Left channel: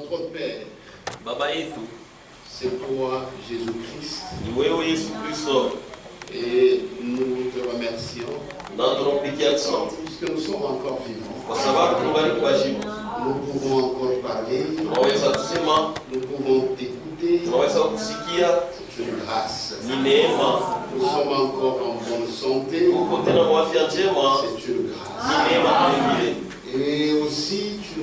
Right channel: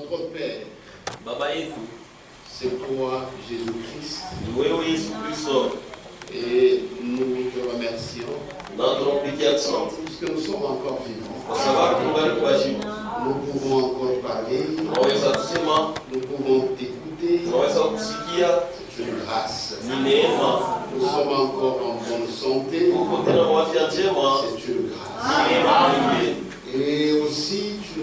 Notre Père, Baba yetu c'est toi, Jésus-Christ, ni wewe Yesu Kristo, et nous te remercions na tunampigia asante puisque nous sommes encore vivants. kwa sababu tungali kuheshimu. Nous pouvons encore parler, Tunaweza kusema, nous pouvons t'écouter. tunaweza kusikia, C'est une grâce. ni neema. Nous sommes encore en bonne santé. Uko tena kwa afya njema, C'est une grâce. ni neema nyingine. Et aussi, tu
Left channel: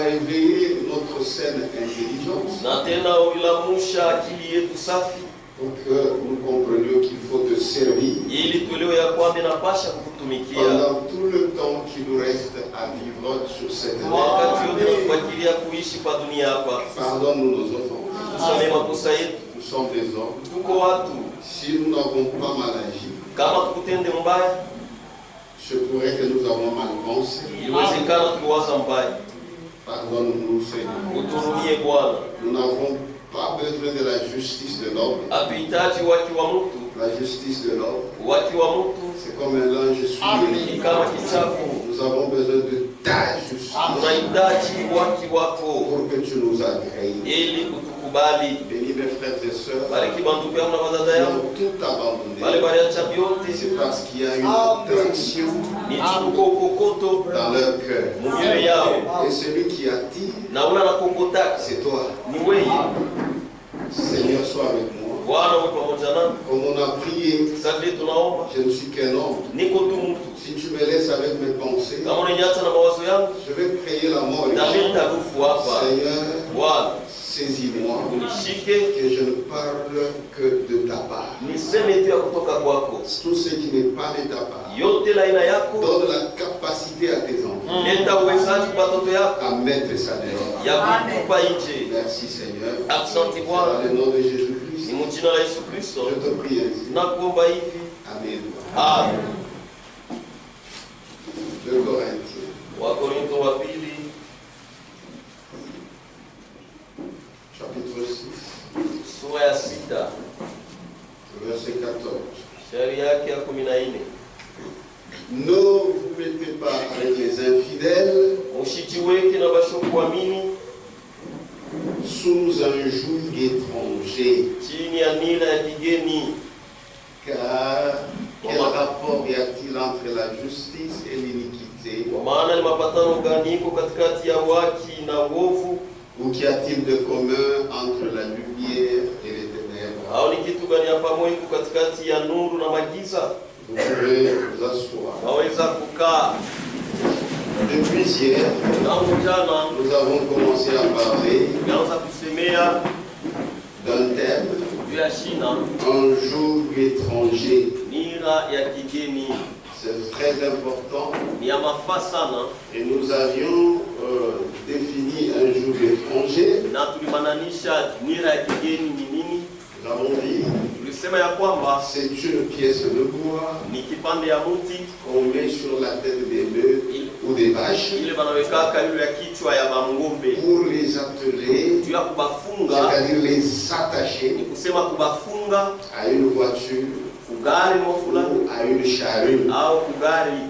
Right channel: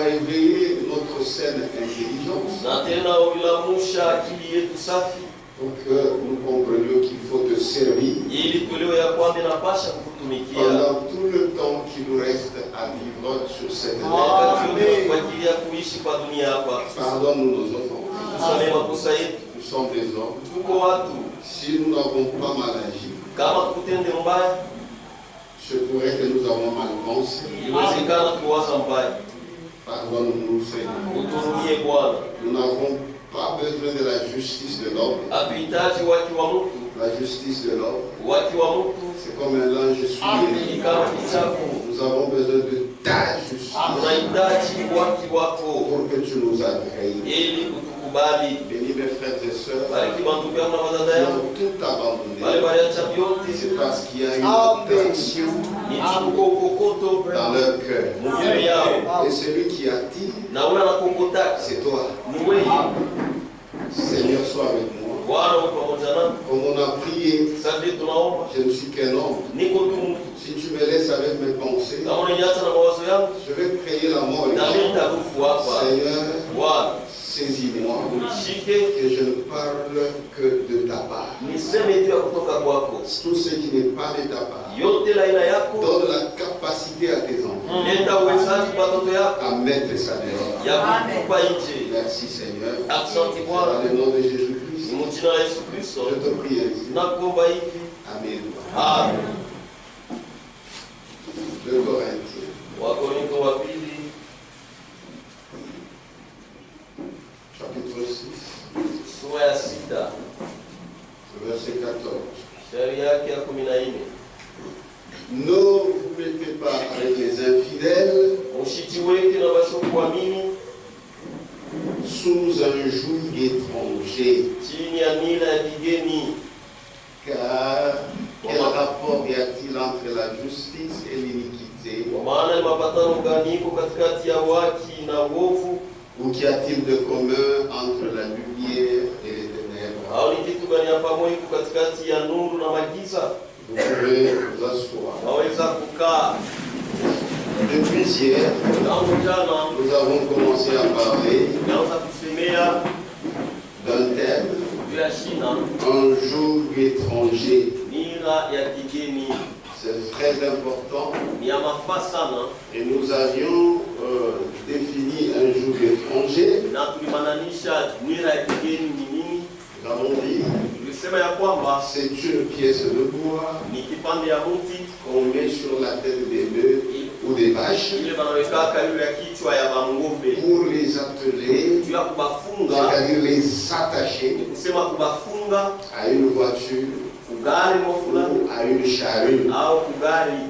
as éveillé notre saine intelligence Na tena ulilamusha akili yetu safi, pour que nous comprenions qu'il faut te servir ili tuelewe ya kwamba inapasha kukutumikia pendant tout le temps qui nous reste à vivre sur cette wakati terre. yote kwa ajili ya kuishi kwa dunia hapa. Pardonne-nous nos offenses. Tusamee makosa yetu, Nous sommes des hommes. tuko watu. Si nous n'avons pas mal agi, Kama tukutende mbaya, je pourrais que nous avons mal pensé. iwezekana tuliwaza mbaya. Pardonne-nous, Seigneur. Uturumie Bwana. Nous n'avons pas besoin de la justice de l'homme. Hatuhitaji waki wa mtu, La justice de l'homme, waki wa mtu c'est comme un linge ni souillé. kama kichafu. Nous avons besoin de ta justice Tunahitaji waki wako pour que tu nous agrées. ili kutukubali. Bénis mes frères et sœurs Bariki bandugu yangu na wadada qui yangu, ont tout abandonné. wale waliacha vyote, C'est parce qu'il y a une tension ni tuko ukokoto dans leur cœur. mumioyo yao, Et celui qui attire, na ule anakokotaka c'est toi. ni wewe. Seigneur, sois avec moi. Bwana uwe pamoja nami. Comme on a prié, Sasa vile tunaomba, je ne suis qu'un homme. niko tu mtu. Si tu me laisses avec mes pensées, Kama unaniacha na mawazo yangu, je vais créer la mort. na mimi nitakufu hapa. Seigneur, Bwana saisis-moi, unishike, que je ne parle que de ta part. niseme tu ya kutoka kwako. Tout ce qui n'est pas de ta part, Yote la aina yako, donne la capacité à tes enfants leta uwezaji kwa watoto yako à mettre ça dehors. ya kutupa nje. Merci Seigneur. Asante Bwana, Dans le nom de ni Jésus-Christ, mjina la Yesu Kristo je te prie ainsi. nakuomba hivi. Amen. Amen. 2 Corinthiens, Wakorintho wa pili chapitre 6, sura ya 6 verset 14. shairi yake ya 14. Ne vous mettez pas avec les infidèles Mushijiweke na bashokuamini sous un joug étranger, chini ya nira ya kigeni, car quel rapport y a-t-il entre la justice et l'iniquité? kwa maana ni mapatano gani iko katikati ya haki na uovu? Ou qu'y a-t-il de commun entre la lumière et les ténèbres? Au ni kitu gani ya pamoja iko katikati ya nuru na magiza? Vous pouvez vous asseoir. Waweza kukaa. Depuis hier, Tangu jana nous avons commencé à parler tumeanza kusemea d'un thème, juu ya shina, un joug étranger. nira ya kigeni. C'est très important. Ni ya mafaa sana, Et nous avions défini un joug étranger. na tulimananisha nira ya kigeni ni nini. Nous avons dit, Tulisema ya kwamba c'est une pièce de bois ni kipande ya mti qu'on met sur la tête des bœufs ou des vaches ile banawekaka yule ya kichwa ya bangombe pour les atteler, juu ya kubafunga, c'est-à-dire les attacher ni kusema kubafunga à une voiture kugari mo fulani ou à une charrue. au kugari.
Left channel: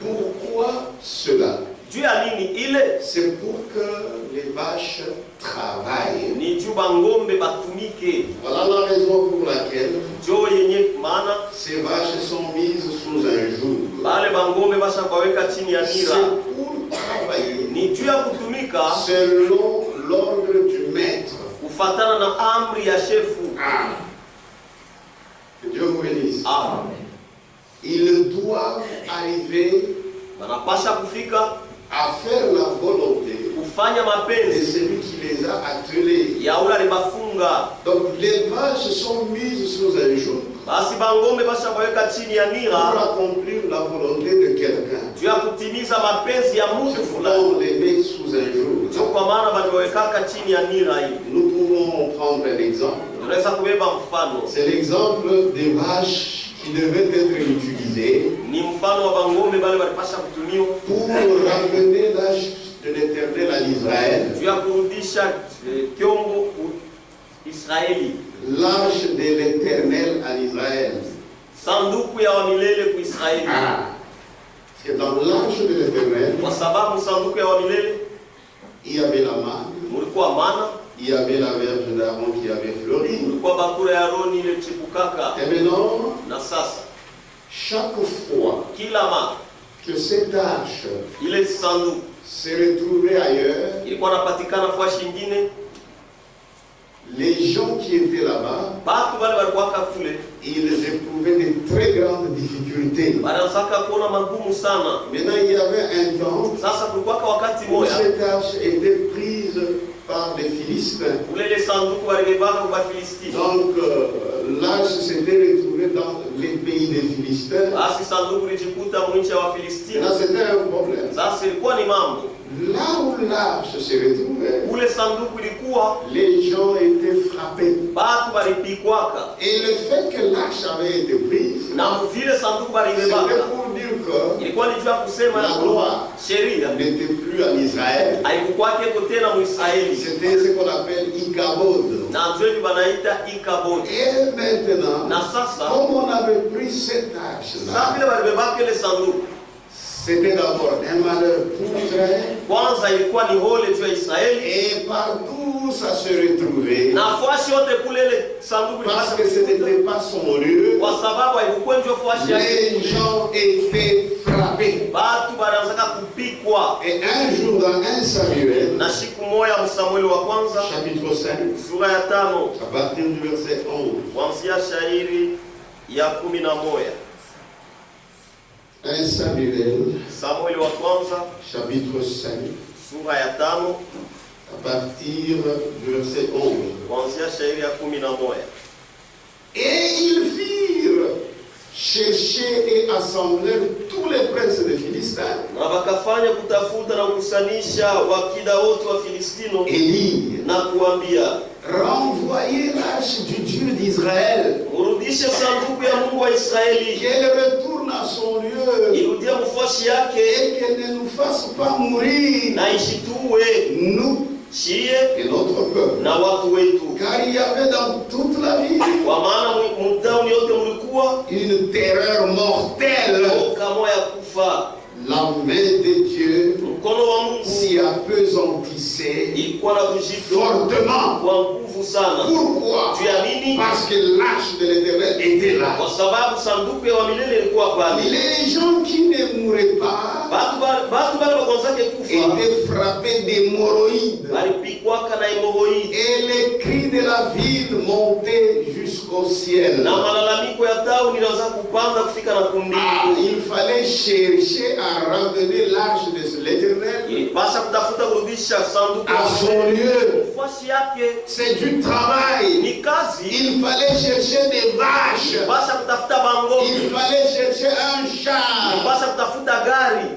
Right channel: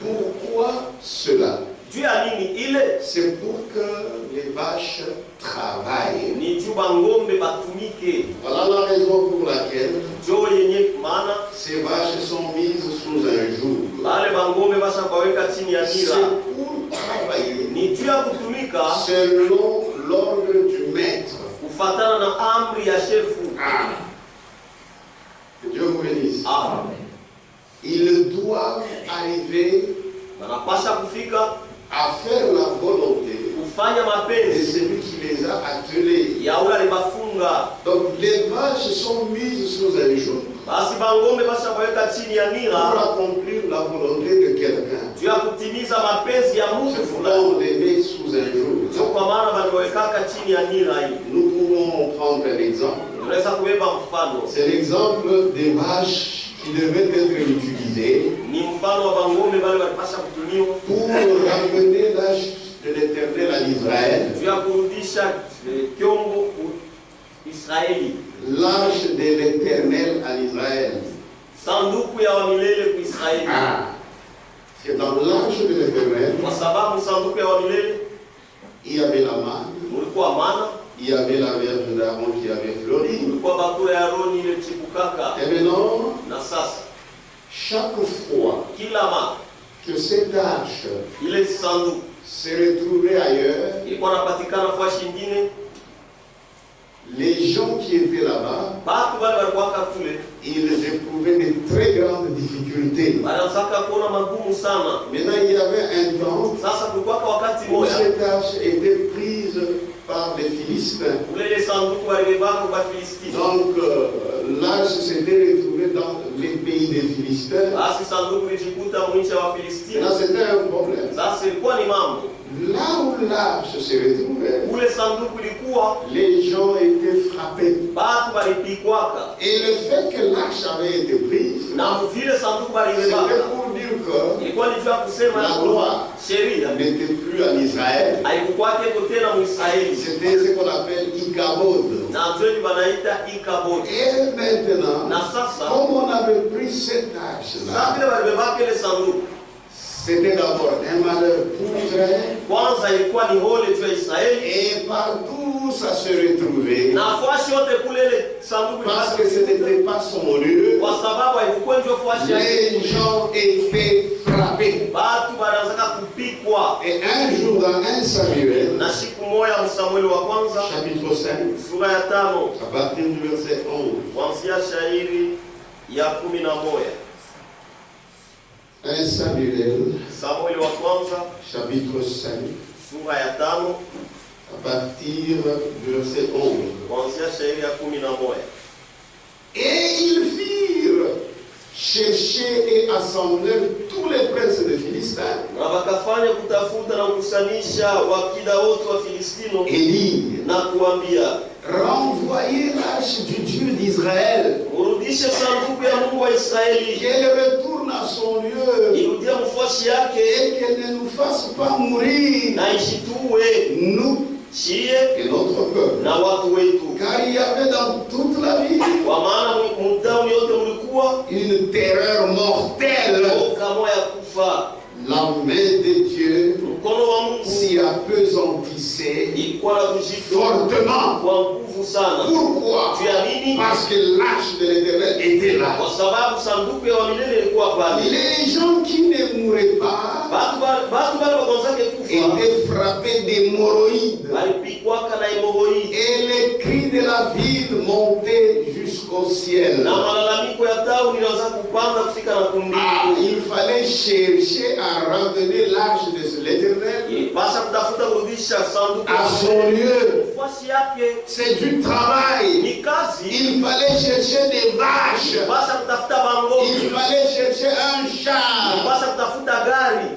Pourquoi cela? Juu ya nini ile? C'est pour que les vaches travaillent. Ni juu bangombe batumike. Voilà la raison pour laquelle Jo yenye maana ces vaches sont mises sous un joug. bale bangombe basha kwaweka chini ya C'est nira, pour travailler ni juu ya kutumika selon l'ordre du maître. kufatana na amri ya shefu. Ah. Que Dieu vous bénisse. Amen. Ils doivent arriver Banapasha kufika à faire la volonté kufanya de mapenzi celui qui les a attelés. ya ule alibafunga. Donc les vaches sont mises sous un joug Basi bangombe basha kwaweka chini ya pour nira accomplir la volonté de quelqu'un. juu ya kutimiza mapenzi ya mtu C'est fulani. pourquoi on les met sous un joug. Ndio kwa maana baliwekaka chini ya nira hii. Nous pouvons prendre un exemple. Tunaweza kubeba mfano, C'est l'exemple des vaches qui devaient être utilisées ni mfano wa bangombe bale walipasha kutumiwa pour ramener l'âge de l'Éternel à l'Israël. juu ya kurudisha kyombo Israeli, L'âge de l'Éternel à l'Israël. sanduku ya wamilele ku Israeli. Ah. Parce que dans l'âge de l'Éternel, Kwa sababu sanduku ya wamilele il y avait la manne, mulikuwa mana, il y avait la verge d'Aaron qui avait fleuri. mulikuwa bakura ya Aroni ile chipukaka. Et maintenant, Na sasa chaque fois kila mara que cette arche ile sanduku se retrouvait ailleurs, ilikuwa napatikana fashi nyingine, les gens qui étaient là-bas, batu wale walikuwa kule ils éprouvaient de très grandes difficultés. wanataka kuona magumu sana. Maintenant, il y avait un temps Sasa kulikuwa wakati où moja cette arche était prise par les Philistins. ule ile sanduku walibeba kwa Filisti. Donc, l'arche s'était retrouvée dans les pays des Philistins. Basi sanduku lijikuta mwinchi wa Filisti. Maintenant, c'était un problème. Sasa ilikuwa ni mambo Là où l'arche se retrouvait, ule sanduku ilikuwa les gens étaient frappés. batu balipikwaka, Et le fait que l'arche avait été prise, na vile sanduku c'était balibebaka pour dire que ilikuwa ni juu ya kusema ya kuwa sheria n'était plus en Israël. haikukwake tena Muisraeli, C'était ce qu'on appelle Ikabod. na ndio banaita Ikabodi. Et maintenant, Na sasa comme on avait pris cette sasa arche-là, vile balibebaka ile sanduku, c'était d'abord un malheur pour Israël. kwanza ilikuwa ni hole juu ya Israeli, Et partout ça se retrouvait. na fuashi yote kule ile sanduku Parce que ce n'était pas son lieu. kwa sababu haikuwa ndio fuashi yake. Les gens étaient frappés. Batu banaanza kupikwa. Et un jour dans 1 Samuel, Na siku moja Msamueli wa kwanza chapitre 5, sura ya 5 à partir du verset 11. kuanzia shairi ya 11. 1 Samuel, Samueli wa kwanza chapitre 5, sura ya 5 à partir du verset 11. kuanzia shairi ya 11. Et ils firent chercher et assembler tous les princes des Philistins Na wakafanya kutafuta na kukusanyisha wakida wote wa Filistino et dirent, na kuambia, renvoyez l'arche du Dieu d'Israël, murudishe sanduku ya Mungu wa Israeli, qu'elle retourne à son lieu irudie mfuashi yake et qu'elle ne nous fasse pas mourir, na ishitue nous chie et notre peuple. na watu wetu, Car il y avait dans toute la ville kwa maana mtauni yote mlikuwa une terreur mortelle. oka moya kufa. La main de Dieu Mkono wa Mungu s'y appesantissait ilikuwa na kujito fortement. kwa nguvu sana. Pourquoi? Juu ya nini? Parce que l'arche de l'Éternel était là. Kwa sababu sanduku ya milele ilikuwa pale. Les gens qui ne mouraient pas Batu bale wakonzake kufa étaient frappés d'hémorroïdes. walipikwaka na hemoroidi, Et les cris de la ville montaient jusqu'au ciel. na malalamiko ya tauni ilianza kupanda kufika na Ah, kumbingu. il fallait chercher à ramener l'arche de l'Éternel Ilipasha kutafuta kurudisha sanduku à son lieu. mfuasi yake. C'est du travail. Ni kazi. Il fallait chercher des vaches. Ilipasha kutafuta bangombe, Il fallait chercher un char. ilipasha kutafuta gari.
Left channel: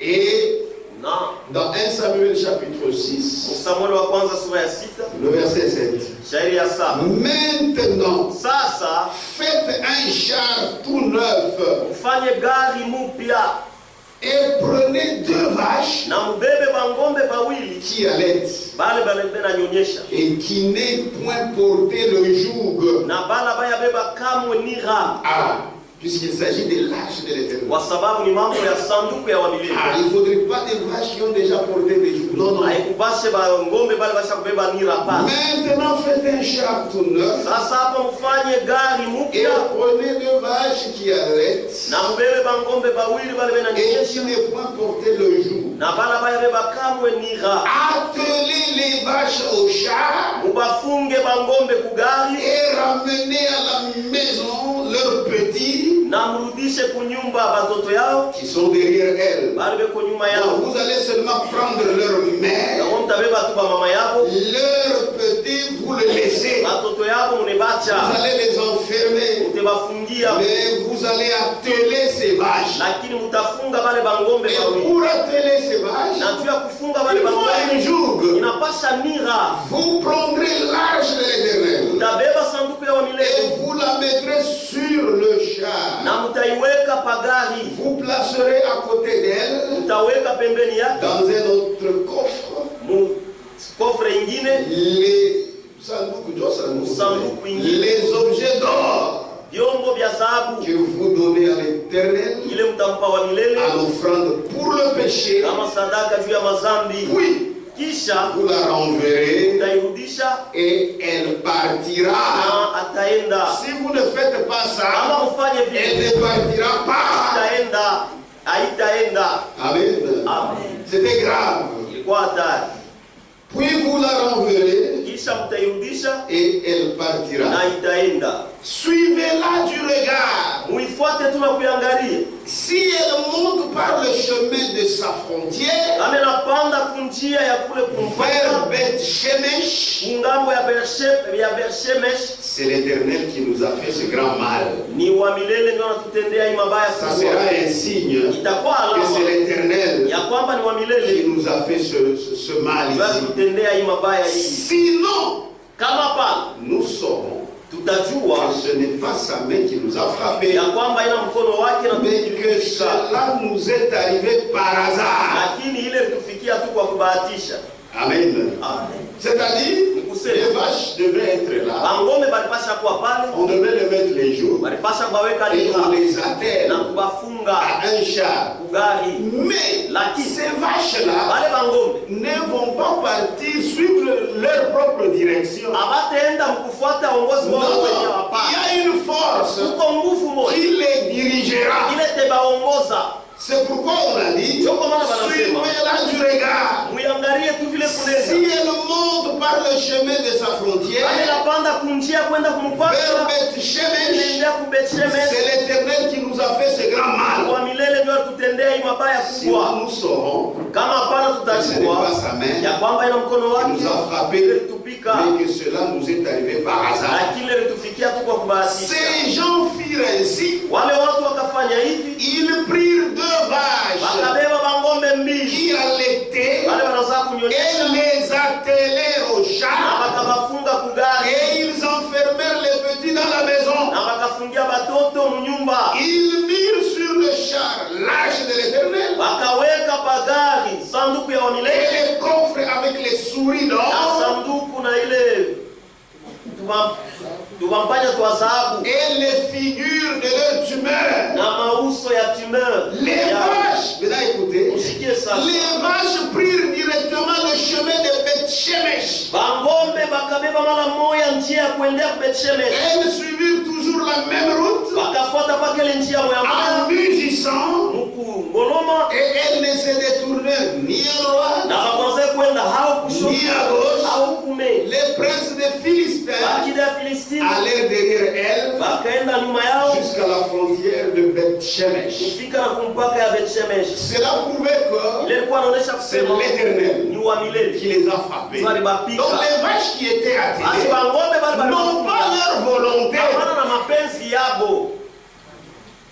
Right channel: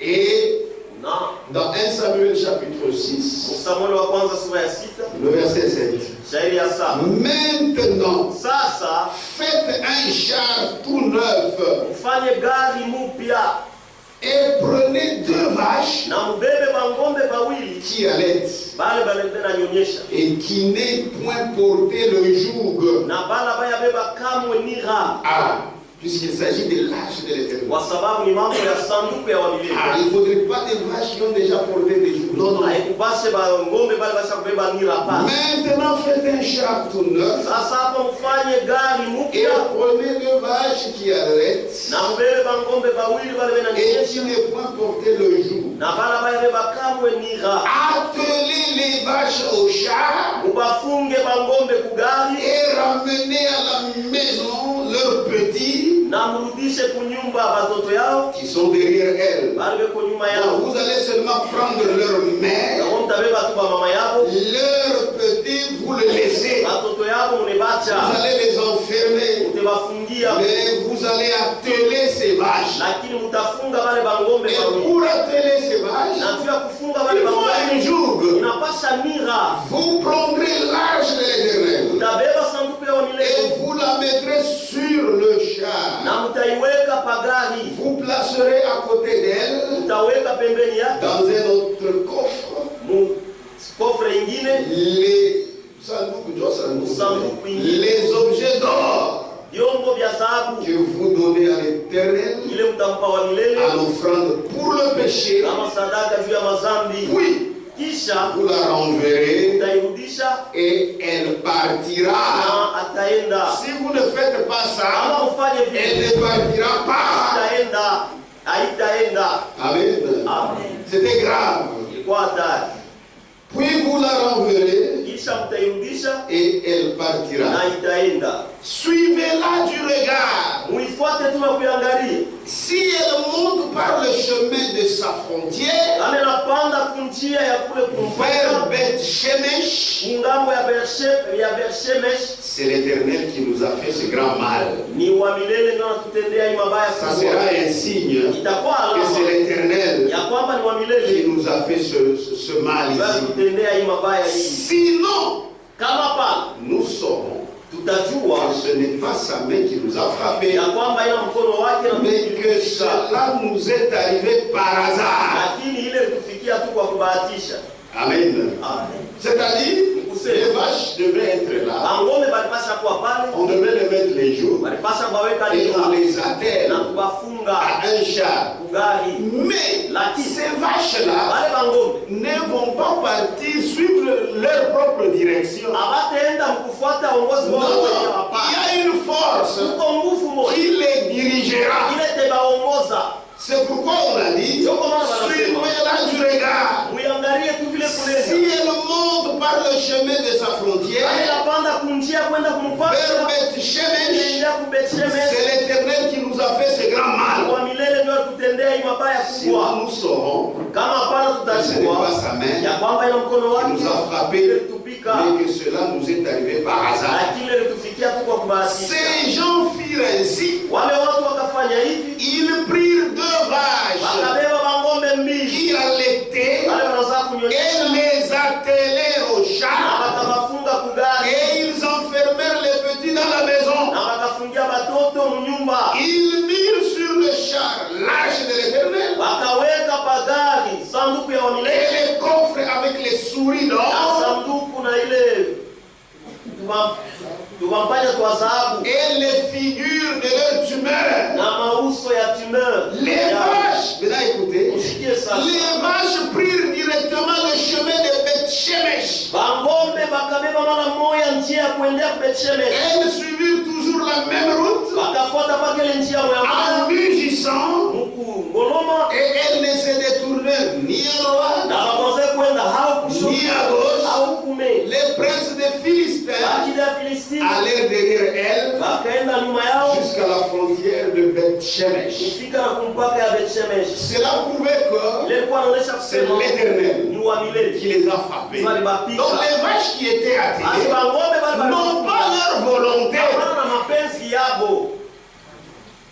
Et Na dans 1 Samuel chapitre 6, Samueli wa kwanza sura ya 6 le verset 7. shairi ya 7. Maintenant, Sasa faites un char tout neuf mfanye gari mupya et prenez 2 vaches na mbebe bangombe bawili qui allaitent bale balembena nyonyesha et qui n'aient point porté le joug. na bala baya beba kamwe nira, Ah, puisqu'il s'agit de l'arche de l'Éternel. kwa sababu ni mambo ya sanduku ya Ah, wamilele. il ne faudrait pas des vaches qui ont déjà porté des jougs. Non, non. Haikubashe bangombe bale basha kubeba nira pa. Maintenant, faites un char tout neuf Sasa hapa mfanye gari et mupya prenez 2 vaches qui allaitent na mbebe bangombe bawili bale bena et qui nyonyesha n'aient point porté le joug. na bala baya beba kamwe nira. Attelez les vaches au char Mubafunge bangombe kugari et ramenez à la maison leurs petits na mrudishe kunyumba batoto yao qui sont derrière elles. bale beko nyuma Donc, yao. vous allez seulement prendre leur mère, Kama mtabeba tu ba mama yao, leurs petits, vous les laissez. batoto yao Vous munebacha, allez les enfermer, mutabafungia, mais vous allez atteler ces vaches. lakini mutafunga bale bangombe Et bawili. pour atteler ces vaches, Na tu ya kufunga bale il faut un bangombe joug. inapasha nira. Vous prendrez l'arche de l'Éternel Mutabeba sanduku ya et milele vous la mettrez sur le char. na mutaiweka pagari, Vous placerez à côté d'elle, mutaweka pembeni yake dans un autre coffre, mu kofre ingine les objets d'or vyombo vya dhahabu que vous donnez à l'Éternel ile mtampa wa milele en offrande pour le péché, kama sadaka juu ya mazambi. puis kisha vous la renverrez utairudisha et elle partira. na ataenda. Si vous ne faites pas ça, Kama ufanye elle vile, ne partira pas. haitaenda. Amen. Amen. C'était grave. Ilikuwa hatari. Puis vous la renverrez Kisha mtairudisha et elle partira. na itaenda. Suivez-la du regard. Muifuate tu na kuiangalia. Si elle monte par le chemin de sa frontière Kama inapanda kunjia ya kule vers kumfanya Beth Shemesh, ngambo ya Bershemesh, c'est l'Éternel qui nous a fait ce grand mal. ni wa milele ndio anatutendea hii mabaya Ça kubwa. sera un signe Itakuwa que c'est alama l'Éternel ya kwamba ni wa qui milele nous a fait ce mal ndio ici. anatutendea hii mabaya hii. Sinon, Kama pa nous saurons tutajua que ce n'est pas sa main qui nous a frappés, ya kwamba ina mkono wake na mais que cela nous est arrivé par hasard. lakini ile tufikia tu kwa kubahatisha. Amen. Amen. C'est-à-dire, les vaches devaient être là, Bangome balipasha kuwa pale, on devait les mettre les jours balipasha baweka et on nira les attelle na kubafunga à un char. kugari. Mais ces vaches-là Wale bangome ne vont pas partir suivre leur propre direction. abataenda mkufuata uongozi Non, wao wenyewe. non, Hapana, il y a une force uko nguvu moja qui les dirigera. ile tebaongoza. C'est pourquoi on a dit, suivez-la du regard. Muiangalie tu vile Si kunenda. elle monte par le chemin de sa frontière Kama inapanda kunjia kwenda vers kumfuata, Beth Shemesh, inaendea kubetshemesh, c'est l'Éternel qui nous a fait ce grand mal. kwa milele ndio tutendea hii mabaya Sinon kubwa. nous saurons Kama hapana que ce n'est pas tutajua sa main ya kwamba ina mkono qui wake nous a frappés, tupika, mais que cela nous est arrivé par hasard. lakini ile tufikia tu kwa kubahatisha. Ces gens firent ainsi, Wale watu wakafanya hivi, ils prirent 2 vaches wakabeba bangombe mbili qui allaitaient wale wanazaa et kunyonyesha les attelèrent au na char wakabafunga kugari et ils enfermèrent les petits dans la maison. na wakafungia batoto mnyumba, Ils mirent sur le char l'arche de l'Éternel wakaweka pagari sanduku ya et wamilele les coffres avec les souris na d'or sanduku na ile tuwampanya twa dhahabu et les figures de leur tumeur. na mauso ya tumeur. Les vaches, maintenant écoutez, Usikie sasa, les vaches prirent directement le chemin de Beth Shemesh. bangombe bakabeba mara moya njia ya kuendea Bethshemesh, Elles suivirent toujours la même route wakafuata paka ile njia moya en moya mugissant muku ngoloma, et elles ne se détournèrent ni à droite na wakaanza kwenda hao kushoto ni à gauche. au kume. Les princes des Philistins Wakida ya Filistini allèrent derrière elles wakaenda nyuma yao jusqu'à la frontière de Beth Shemesh. kufika na kumpaka ya Bethshemesh. Cela prouvait que Ile ilikuwa inaonyesha c'est kusema l'Éternel ni wa milele. qui les a frappés. Swali bapika. Donc les vaches qui étaient Basi attelées bangombe bali n'ont pas leur volonté. hapana na mapenzi yabo.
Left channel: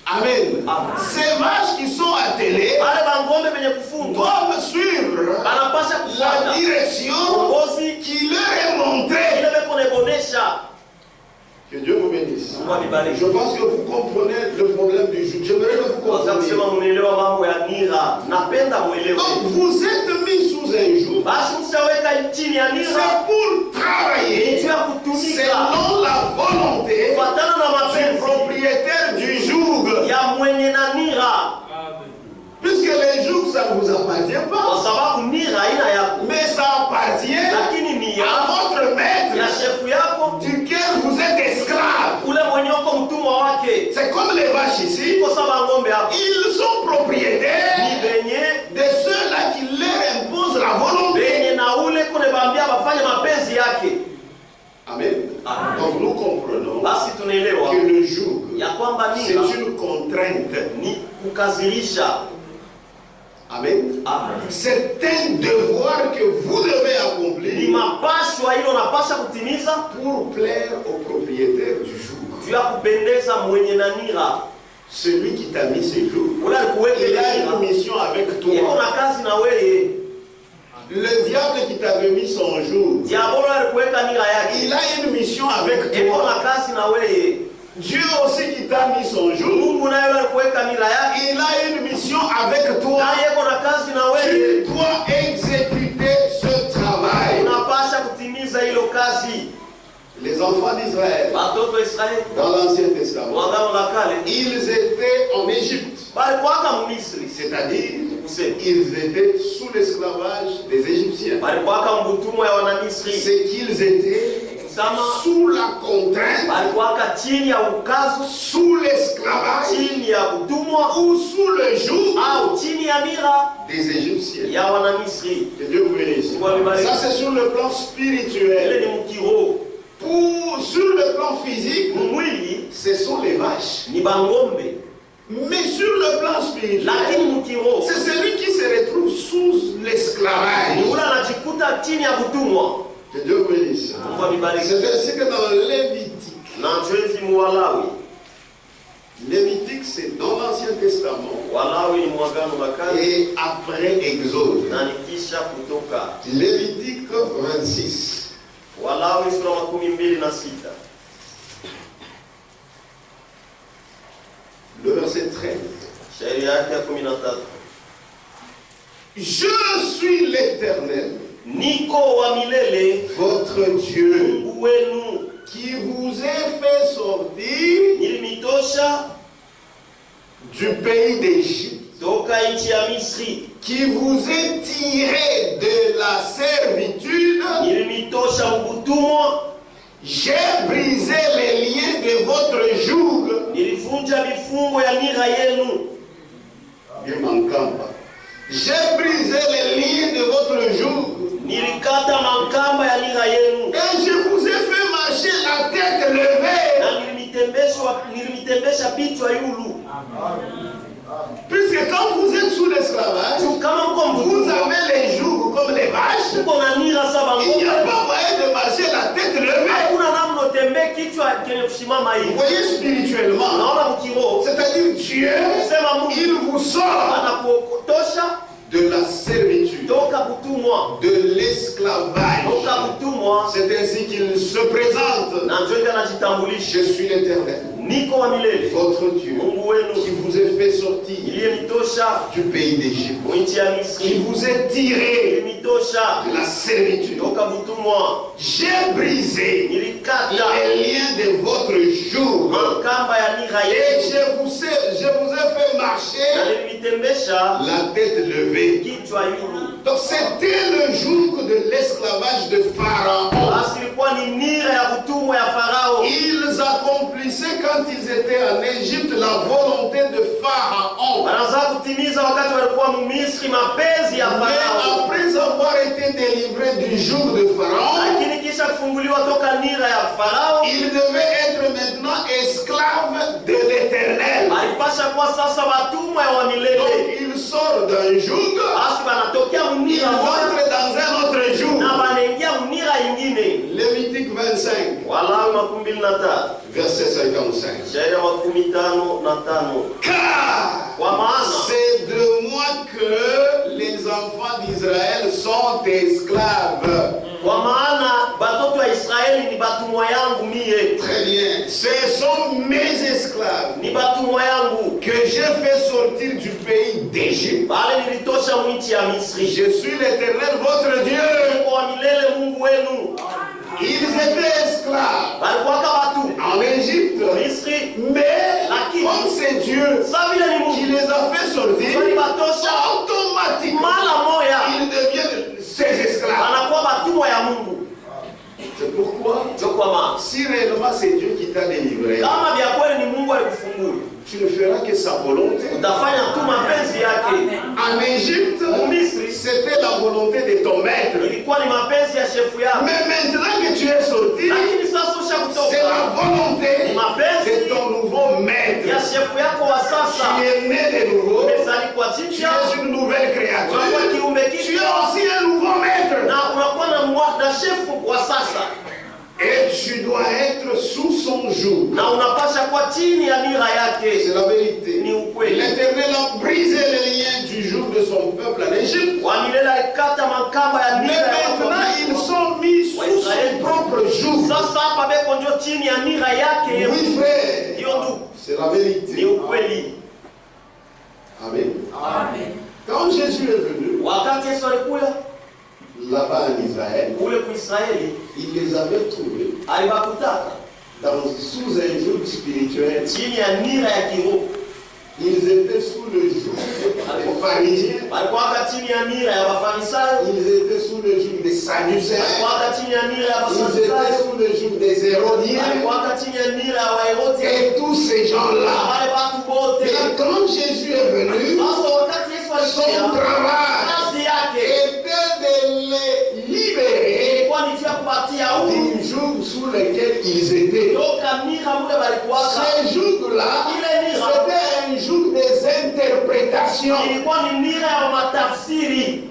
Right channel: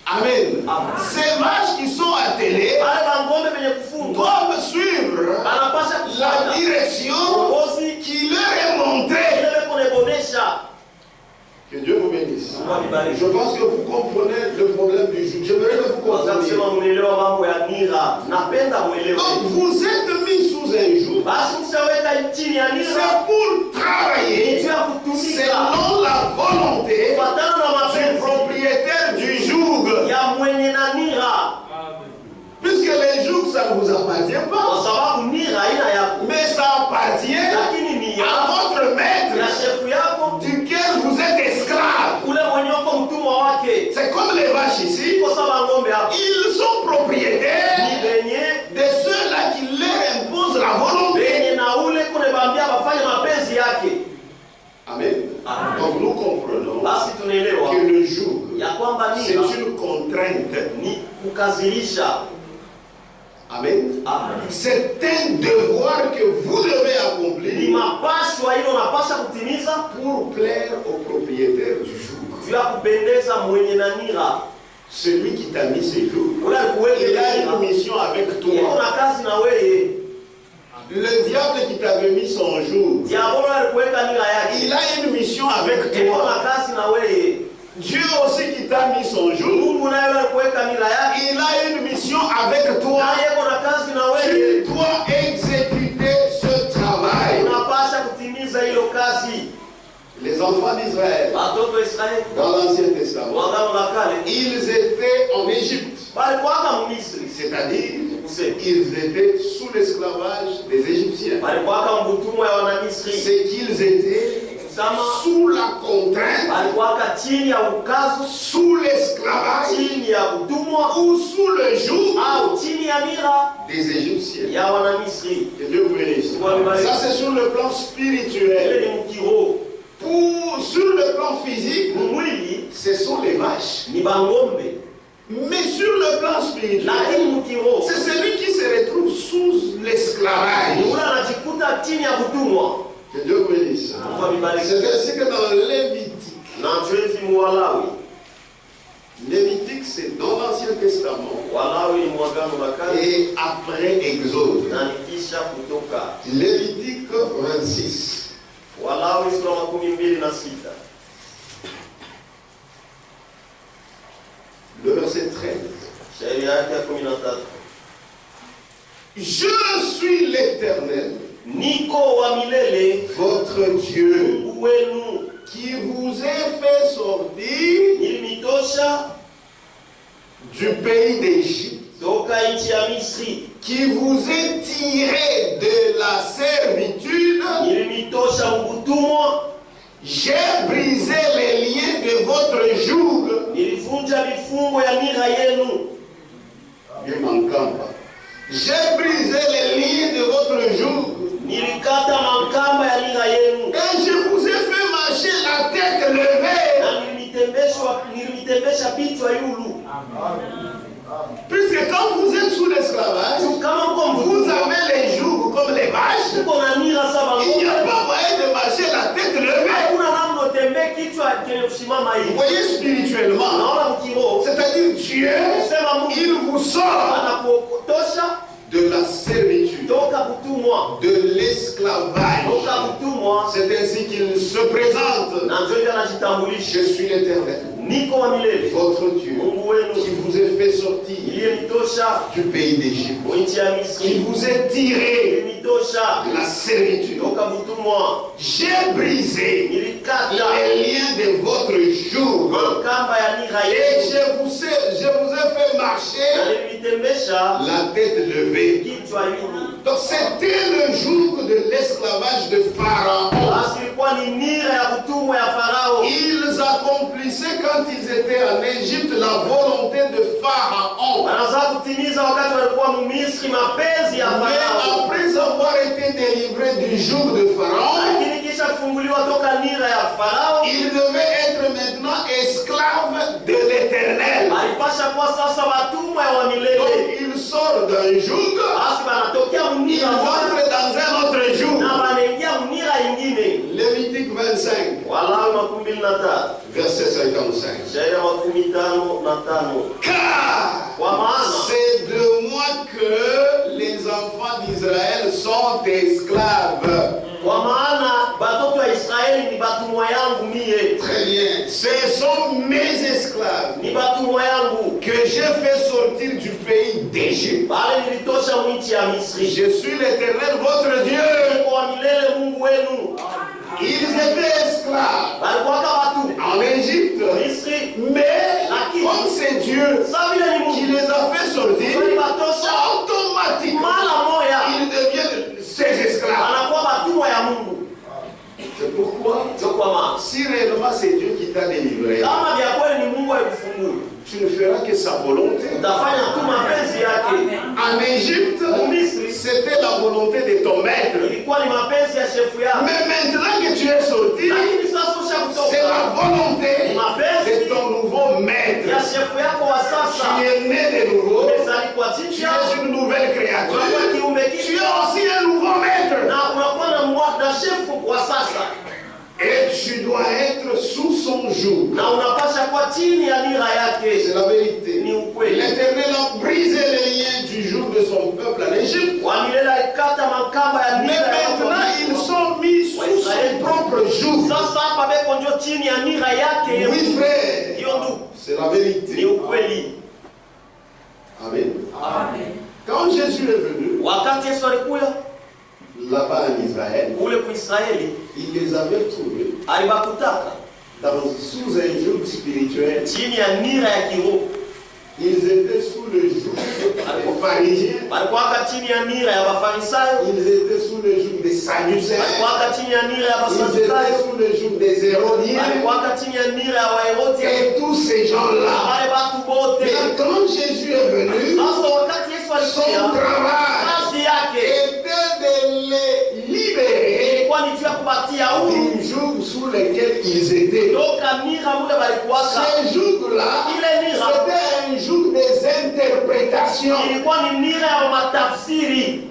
Amen. Amen. Ces vaches qui sont attelées Wale bangombe benye kufungwa doivent suivre banapasha la kufuata direction uongozi qui leur est montrée. ile beko nebonesha. Que Dieu vous bénisse. Mungu alibariki. Je pense que vous comprenez le problème du jour. J'aimerais que vous Kwanza kusema compreniez. muelewa mambo ya nira. Napenda muelewe. Donc vous êtes mis sous un joug. Basi msaweka chini ya nira C'est pour travailler ndio ya kutumika selon la volonté kufuatana na du mapenzi propriétaire du joug. ya mwenye na nira, Puisque les jougs, ça ne vous appartient kwa pas. sababu nira haina yako, Mais ça appartient lakini ni à ya votre ya maître shefu yako duquel vous êtes esclave. ule mwenye uko mtumwa wake. C'est comme les vaches ici. Kwa sababu ngombe hapo Ils sont propriétaires ni benye de ceux-là qui leur imposent la volonté. benye na ule kune bambia bafanye mapenzi yake. Amen. Amen. Donc nous comprenons Basi tunaelewa que le joug, ya kwamba c'est nira une contrainte. ni kukazilisha. Amen. Amen. C'est un devoir que vous devez Ni accomplir mapashwa ile unapasha kutimiza pour plaire au propriétaire du joug. juu ya kupendeza mwenye na nira. Celui qui t'a mis ces jours. Ule alikuweka Il a nira. une mission avec Iko toi. na kazi na wewe. Le diable qui t'avait mis son joug, Diabolo alikuweka nira il yake. a une mission avec Iko toi. na kazi na wewe. Dieu aussi qui t'a mis son joug, Mungu naye alikuweka nira yake. il a une mission avec toi. Naye iko na kazi na wewe. Tu dois exécuter ce travail. Unapasha kutimiza hilo kazi. Les enfants d'Israël, Watoto wa Israeli dans l'Ancien Testament, wa Agano la Kale ils étaient en Égypte, balikuwaka Misri, c'est-à-dire kusema ils étaient sous l'esclavage des Égyptiens. walikuwa mbutumwa ya Wanamisri, C'est qu'ils étaient sous la contrainte, walikuwa chini ya ukazo, sous l'esclavage chini ya utumwa ou sous le joug au chini ya nira des Égyptiens. ya Wanamisri. Que Dieu vous bénisse. Ça c'est sur le plan Ile spirituel. ni mkiroho. Sur le plan physique, Mwili ce sont les vaches. ni bangombe, Mais sur le plan spirituel, lakini mkiroho c'est celui qui se retrouve sous l'esclavage. ni ule anajikuta chini ya utumwa. Que Dieu vous bénisse. Mungu abariki. C'est ainsi que dans Lévitique, Na tuwezi muwalawi. Lévitique c'est dans l'Ancien Testament Walawi ni mwagano la kale et après Exode. na nikisha kutoka. Lévitique 26. Walawi sura 26. Le verset 13. Sheria yake ya 13. Je suis l'Éternel, Niko wa milele, votre Dieu, Mungu wenu, qui vous ai fait sortir nilimitosha du pays d'Égypte, toka nchi ya Misri, qui vous ai tiré de la servitude. nilimitosha utumwa, J'ai brisé les liens de votre joug. nilivunja vifungo ya nira yenu. J'ai brisé les liens de votre joug. Nilikata mankamba ya nira yenu. Et je vous ai fait marcher la tête levée. Na nilimitembesha bichwa yulu. Puisque quand vous êtes sous l'esclavage, Kama mko vous avez les jougs comme les vaches. mko na nira saba Il n'y a ngombe. pas moyen de marcher la tête levée. Hakuna namna utembee kichwa kenye kusimama Vous hivi. voyez spirituellement, Naona mkiroho, c'est-à-dire Dieu, sema Mungu il vous sort anakuotosha de la servitude, toka kutumwa, de l'esclavage. toka kutumwa, C'est ainsi qu'il se présente. na ndio anajitambulisha. Je suis l'Éternel, Niko wa milele, votre Dieu, Mungu wenu, qui vous ai fait sortir iliyenitosha du pays d'Égypte, nchi ya qui Misri, vous ai tiré iliyenitosha de la servitude. toka kutumwa, J'ai brisé nilikata les liens de votre joug. mankamba ya nira Et yenu, je vous ai fait na marcher nilimitembesha la tête levée. kichwa yulu. Donc c'était le joug de l'esclavage de Pharaon. Basi ilikuwa ni nira ya kutumwa ya Farao. Ils accomplissaient quand ils étaient en Égypte la volonté de Pharaon. Wanaanza kutimiza wakati walikuwa Misri mapenzi ya Mais Farao. après avoir été délivrés du joug de Pharaon, Lakini kisha kufunguliwa toka nira ya Farao, ils devaient être maintenant esclaves de l'Éternel. alipasha kuwa sasa watumwa wa Donc milele. ils sortent d'un joug, Basi wanatokea ils mnira moja entrent dans un autre joug. na wanaingia mnira ingine. Lévitique 25, Walawi 23 verset 55. Sheria 55. Car Kwa maana c'est de moi que les enfants d'Israël sont esclaves. kwa maana batoto wa Israeli ni batumwa yangu mie, Très bien. Ce sont mes esclaves ni batumwa yangu que j'ai fait sortir du pays d'Égypte. bale nilitosha mwinchi ya Misri. Je suis l'Éternel, votre Dieu. Niko wa milele Mungu wenu. Ils étaient esclaves Balikuwaka watu en Égypte. Misri, Mais comme c'est Dieu sa vile ni qui Mungu les a fait sortir, walibatosha automatiquement, mara moya, ils deviennent ses esclaves. wanakuwa batumwa ya Mungu. C'est pourquoi, Ndio kwa maana si réellement c'est Dieu qui t'a délivré, kama vya kweli ni Mungu alikufungua, tu ne feras que sa volonté. utafanya tu mapenzi yake. En Égypte, Misri c'était la volonté de ton maître. ilikuwa ni mapenzi ya shefu yako, Mais maintenant que tu es sorti, lakini sasa c'est la ushakutoka, volonté ni mapenzi de ton nouveau ya maître. shefu yako wa Tu sasa. es né de nouveau, Umezaliwa tu jipya, es une nouvelle créature. unakuwa kiumbe Tu kipya, es aussi un nouveau maître. na unakuwa na shefu wa sasa, Et tu dois être sous son joug. na unapasha kuwa chini ya nira yake. C'est la vérité. Ni ukweli. L'Éternel a brisé les liens du joug de son peuple en Égypte. Wa milele alikata makamba ya Mais nira ya maintenant, watu. ils sont mis sous son propre joug. Sasa hapa beko ndio chini ya nira yake. Oui, frère. Hiyo ndugu, C'est la ni vérité. ukweli. Amen. Amen. Quand Jésus est venu, Wakati Yesu alikuja là-bas en Israël, kule kwa Israeli, il les avait trouvés alibakutaka sous un joug spirituel. chini ya nira ya kiroho. Ils étaient sous le joug des pharisiens. walikuwa chini ya nira ya Wafarisayo, Ils étaient sous le joug des sadducéens. walikuwa chini ya nira ya Ils étaient Wasadukayo, sous le joug des hérodiens. walikuwa chini ya nira ya Waherodi. Et tous ces gens-là. Wale watu wote. Mais quand Jésus est venu, Sasa wakati Yesu son alikuja, travail kazi yake était de les libérer ilikuwa ni juu ya kupatia huru du joug sous lequel ils étaient. toka nira mule walikuwaka. Ce joug-là, c'était un joug des interprétations. Ilikuwa ni nira ya matafsiri.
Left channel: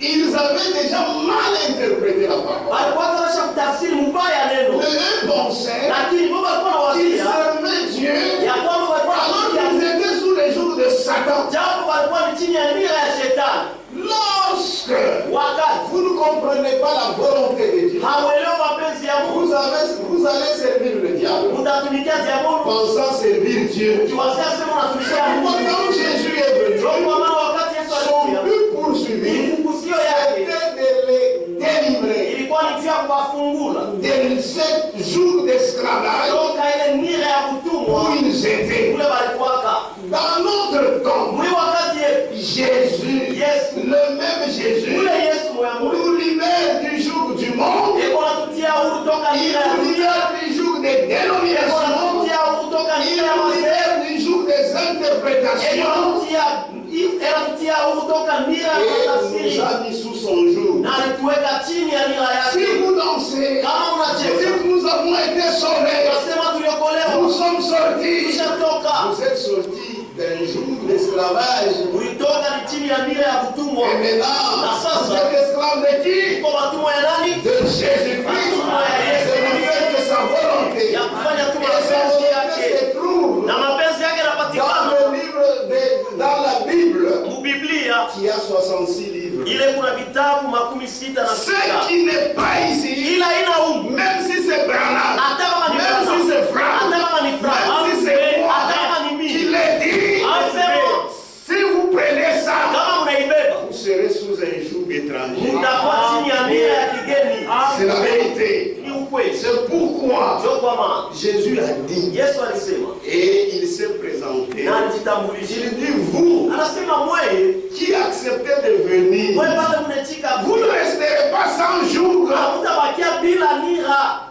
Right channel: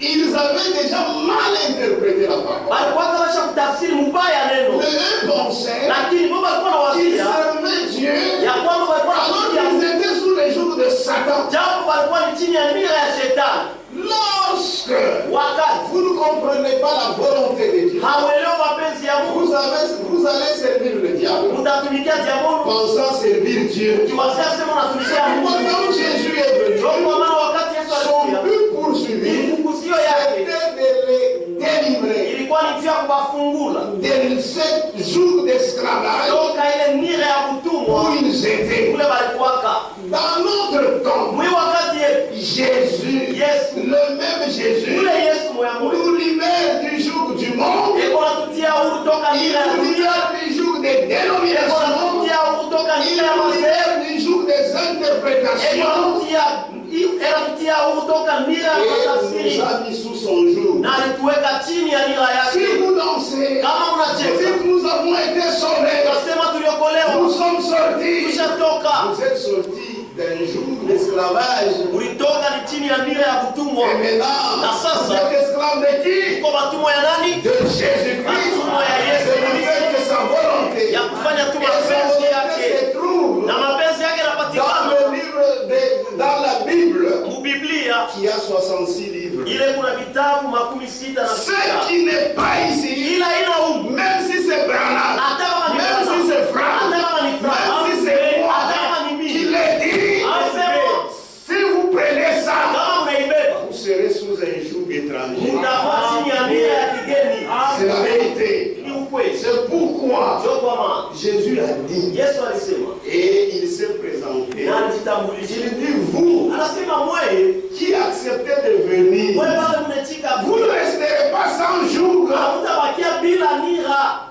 Ils avaient déjà mal interprété la parole. Walikuwa wanasha kutafsiri mbaya neno. Mais eux pensaient Lakini Mungu alikuwa qu'ils anawaambia servaient Dieu ya kwamba walikuwa alors wanakuja qu'ils étaient sous les jougs de Satan. japo walikuwa ni chini ya nira ya shetani. Lorsque Wakati vous ne comprenez pas la volonté de Dieu, hauelewi mapenzi ya Mungu, vous allez servir le diable mtatumikia diabolo pensant servir Dieu. ukiwazia sema unatumikia Mungu. Quand Jésus est venu, Kwa maana wakati Yesu son alikuja, but poursuivi, ifunguzio yake c'était de les délivrer ilikuwa ni juu ya kuwafungula de ce joug d'esclavage toka ile nira ya utumwa où ils étaient. kule walikuwaka. Dans notre temps, Mwi wakati yetu Jésus, Yesu, le même Jésus, ule Yesu moya moya nous libère du joug du monde. eko natutia huru toka Il nira ya nous dunia, libère du joug des eko dénominations. natutia huru toka Il nira ya nous mazee, libère du joug des eko interprétations. natutia huru toka nira ya Et nous matafsiri a mis sous son joug. na alituweka chini ya nira Si yake. vous dansez, Kama vous unacheza dites nous avons été sauvés. nasema tuliokolewa, Nous sommes sortis. tulishatoka, Vous êtes sortis d'un joug d'esclavage. ulitoka ni chini ya nira ya utumwa. Et maintenant, Na sasa, vous êtes esclaves de qui? Uko matumwa ya nani? De Jésus-Christ. C'est le fait de sa volonté. Ya kufanya tu Et sa mapenzi volonté yake se trouve na mapenzi yake dans yanapatikana le livre dans la Bible mu Biblia. qui a 66 livres. Ile kuna vitabu 66 na Ce sita. qui n'est pas ici, Ila ina umu même si c'est Branham, hata kama ni même si c'est Franck, hata kama ni même Frank, si c'est moi hata kama ni qui mimi, l'ai dit, asema si vous prenez ça, kama unaibeba vous serez sous un joug étranger. mtakuwa chini ya nira ya kigeni. C'est la vérité. Ni ukweli. C'est pourquoi Ndio kwa maana Jésus a dit, Yesu alisema et il s'est présenté. na alijitambulisha, Il dit, vous anasema mweye qui acceptez de venir, wewe bado mnachika vous ne resterez pas sans joug. hamtabakia bila nira.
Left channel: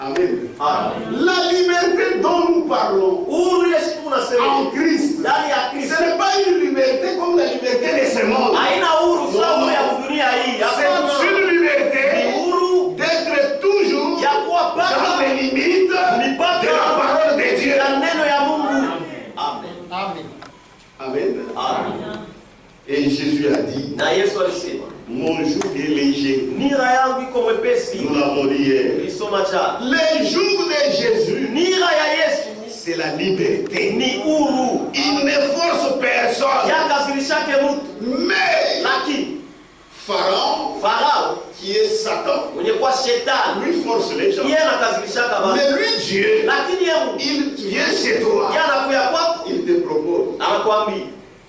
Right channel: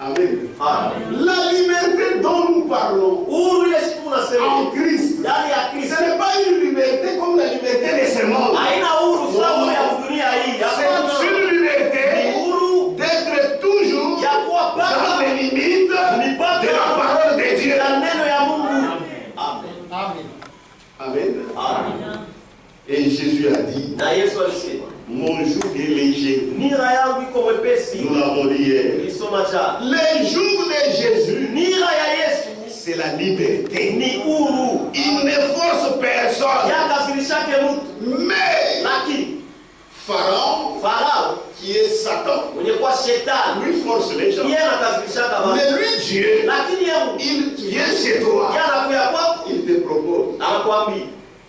Amen. Amen. La liberté dont nous parlons Uhuru ile siku unasema en Christ, ndani ya ce Kristo n'est pas une liberté comme la liberté de ce monde. haina uhuru sawa ya dunia hii. Hapana. C'est une liberté Ni uhuru d'être toujours ya kuwa dans paka les limites de la parole de Dieu. na neno ya Mungu. Amen. Amen. Amen. Et Jésus a dit, Na Yesu alisema mon joug est léger. nira yangu iko mwepesi. Nous l'avons dit hier. Tulisoma jana. Le joug de Jésus, Nira ya Yesu c'est la liberté. ni uhuru. Il ne force personne. Yakasirishake mtu. Mais Lakini Pharaon, Farao qui est Satan, mwenye kuwa shetani lui force les gens. yeye anakasirishaka watu. Mais lui, Dieu, Lakini yeye il vient chez toi. yeye anakuya kwako Il te propose. anakuambia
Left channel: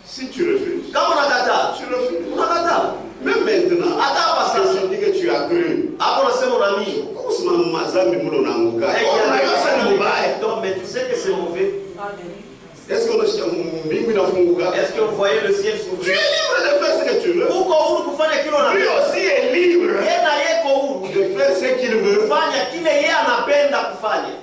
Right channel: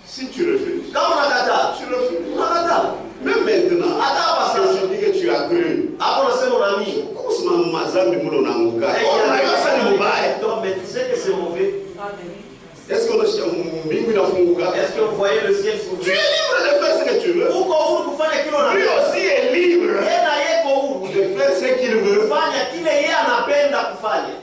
Si tu refuses, kama unakataa tu refuses. unakataa. Même maintenant, Hata hapa que sasa je dis que tu as cru. hapo unasema unaamini. Kusema mazambi mulo unaanguka. Unajua sasa ni mubaya. Donc mais tu sais que c'est mauvais. Est-ce que unasikia mbingu inafunguka? Est-ce que vous voyez le ciel Tu s'ouvrir? es libre de faire ce que tu veux. Uko huru kufanya kile Lui unataka. aussi est libre Yeye na yeye ko huru de faire ce qu'il veut. kufanya kile yeye anapenda kufanya.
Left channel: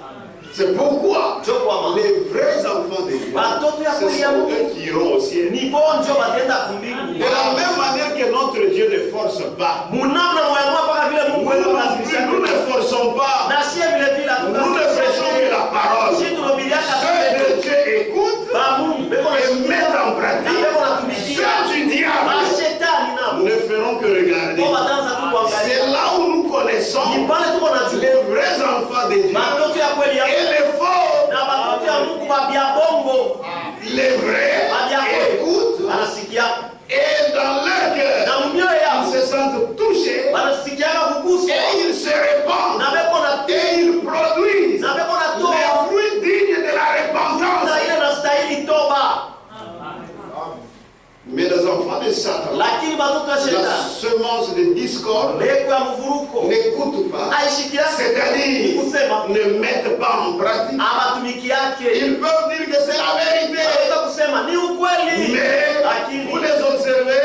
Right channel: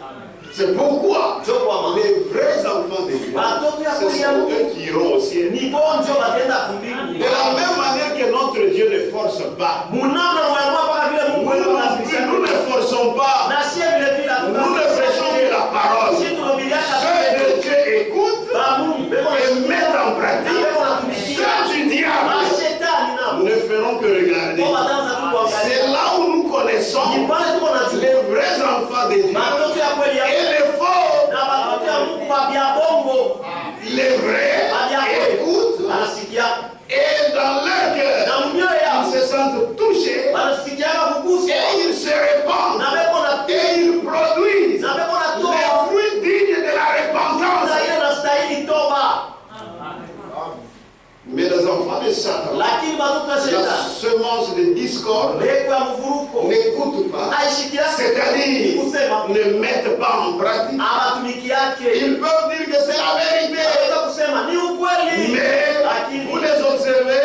C'est pourquoi Ndio kwa maana les vrais enfants de Dieu, watoto ya ce kweli ya sont Mungu eux qui iront au ciel. ni bonjo batenda De kumbingu. la même manière que notre Dieu ne force pas. Munamna mwa mpaka vile Mungu Nous anakasirisha. ne forçons pas. Na sie vile vile Nous ne prêchons que la parole. Sisi tunabiliaka Ceux de Dieu écoutent ba Mungu beko et na mettent en pratique. beko na tumikia. Ceux du diable Mashetani nao ne feront que regarder. kwa batanza tu C'est kuangalia. là où nous connaissons Ni pale tuko na les vrais enfants de Dieu Batoto ya kweli ya et les faux. na batoto ya Mungu ba bia bongo. Les vrais écoutent Anasikia et dans leur cœur, na mioyo ils yao se sentent touchés wanasikia kuguswa et ils se répandent na beko na et ils produisent na beko na les toba fruits dignes de la repentance. na ile nastahili toba. Mais les enfants de Satan, Lakini batoto ya la shetani influence de discorde mbegu ya mvuruko n'écoute pas, aishikiake, c'est-à-dire kusema ne mettent pas en pratique. amatumiki yake. Ils peuvent dire que c'est la vérité, Anaweza kusema ni ukweli, mais lakini vous les observez,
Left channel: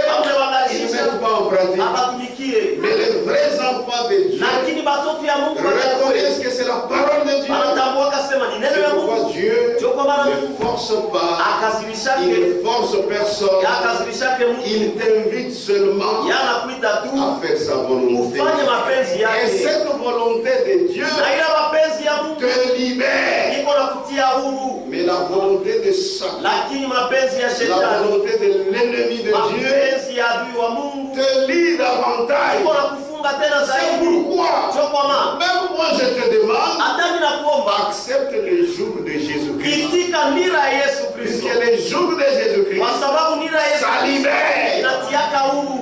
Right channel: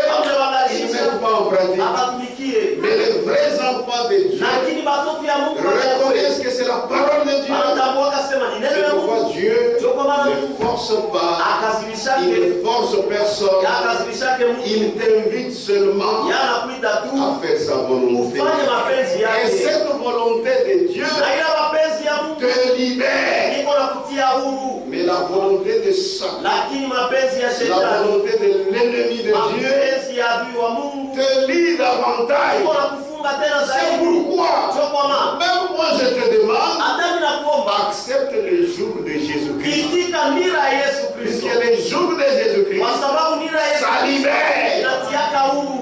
ils ne mettent pas en pratique. abatumikie. Mais les vrais enfants de Dieu Lakini batoto ya Mungu reconnaissent que c'est la parole de Dieu. anatambua kasema ni neno C'est ya pourquoi Mungu. Dieu Ndio kwa maana ne force pas, il akazilishake ne force personne, akazilishake Mungu. il t'invite seulement Yanakuita tu à faire sa volonté. ufanye mapenzi Et yake. cette volonté de Dieu Na ila mapenzi ya Mungu te libère. iko na kutia huru. Mais la volonté de Satan, Lakini mapenzi ya la shetani, volonté de l'ennemi de Dieu mapenzi ya adui wa Mungu te lie davantage. iko na kufunga tena C'est zaidi. pourquoi, Ndio kwa maana même moi je te demande, hata mimi nakuomba accepte le joug de Jésus-Christ. itika nira ya Yesu Kristo, Puisque le joug de Jésus-Christ, kwa sababu nira ya Yesu ça libère. inatiaka huru.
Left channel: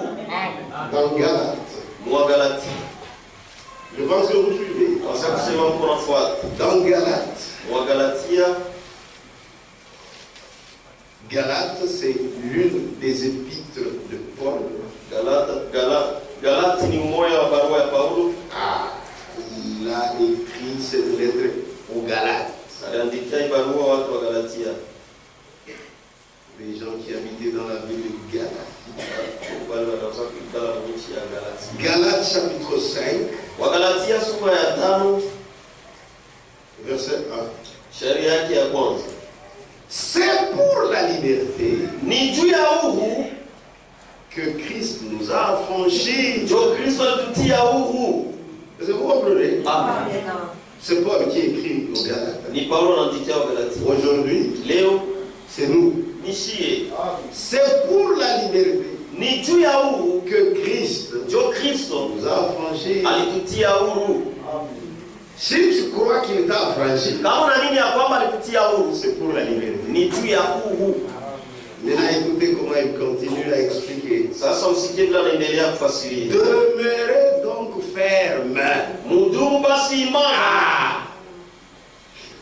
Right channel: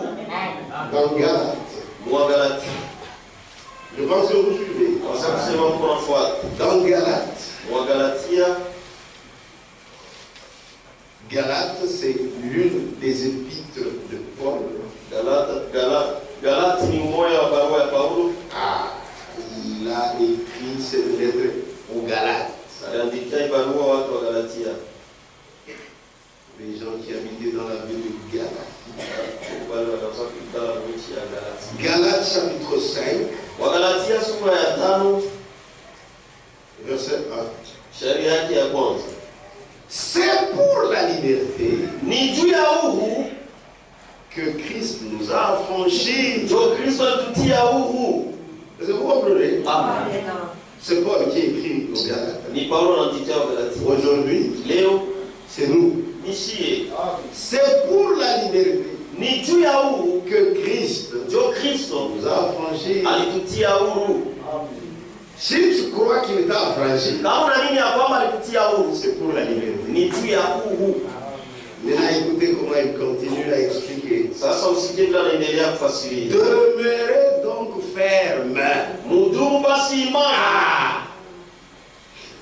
Dans Galates, Mwagalati, je pense que vous suivez. naweza kusema mko nafuata. Dans Galates, Mwagalatia, Galates c'est l'une des épîtres de Paul. Galati ni mmoja wa barua ya Paulo. Il a écrit cette lettre aux Galates. Aliandikia barua watu wa Galatia, Les gens qui habitaient dans la ville de Galatie. wale wanaweza kuikala nchi ya Galatia. Galates chapitre 5, Wagalatia sura ya 5 verset 1. sheria yake ya kwanza. C'est pour la liberté Ni juu ya huru que Christ nous a affranchis. ndio Kristo alitutia huru. Est-ce que vous comprenez? Amen. C'est Paul qui écrit aux Galates. Ni Paulo anaandikia Wagalatia. Aujourd'hui, Leo c'est nous. nishie C'est pour la liberté ni juu ya huru que Christ ndio Kristo nous a affranchis. alitutia huru. Si tu crois qu'il t'a affranchi, Kama unaamini ya kwamba alikutia huru, c'est pour la liberté. ni juu ya huru. Maintenant, écoutez comment il continue à expliquer. Sasa usikie vile anaendelea kufasiria. Demeurez donc ferme. Mudumu basi imara,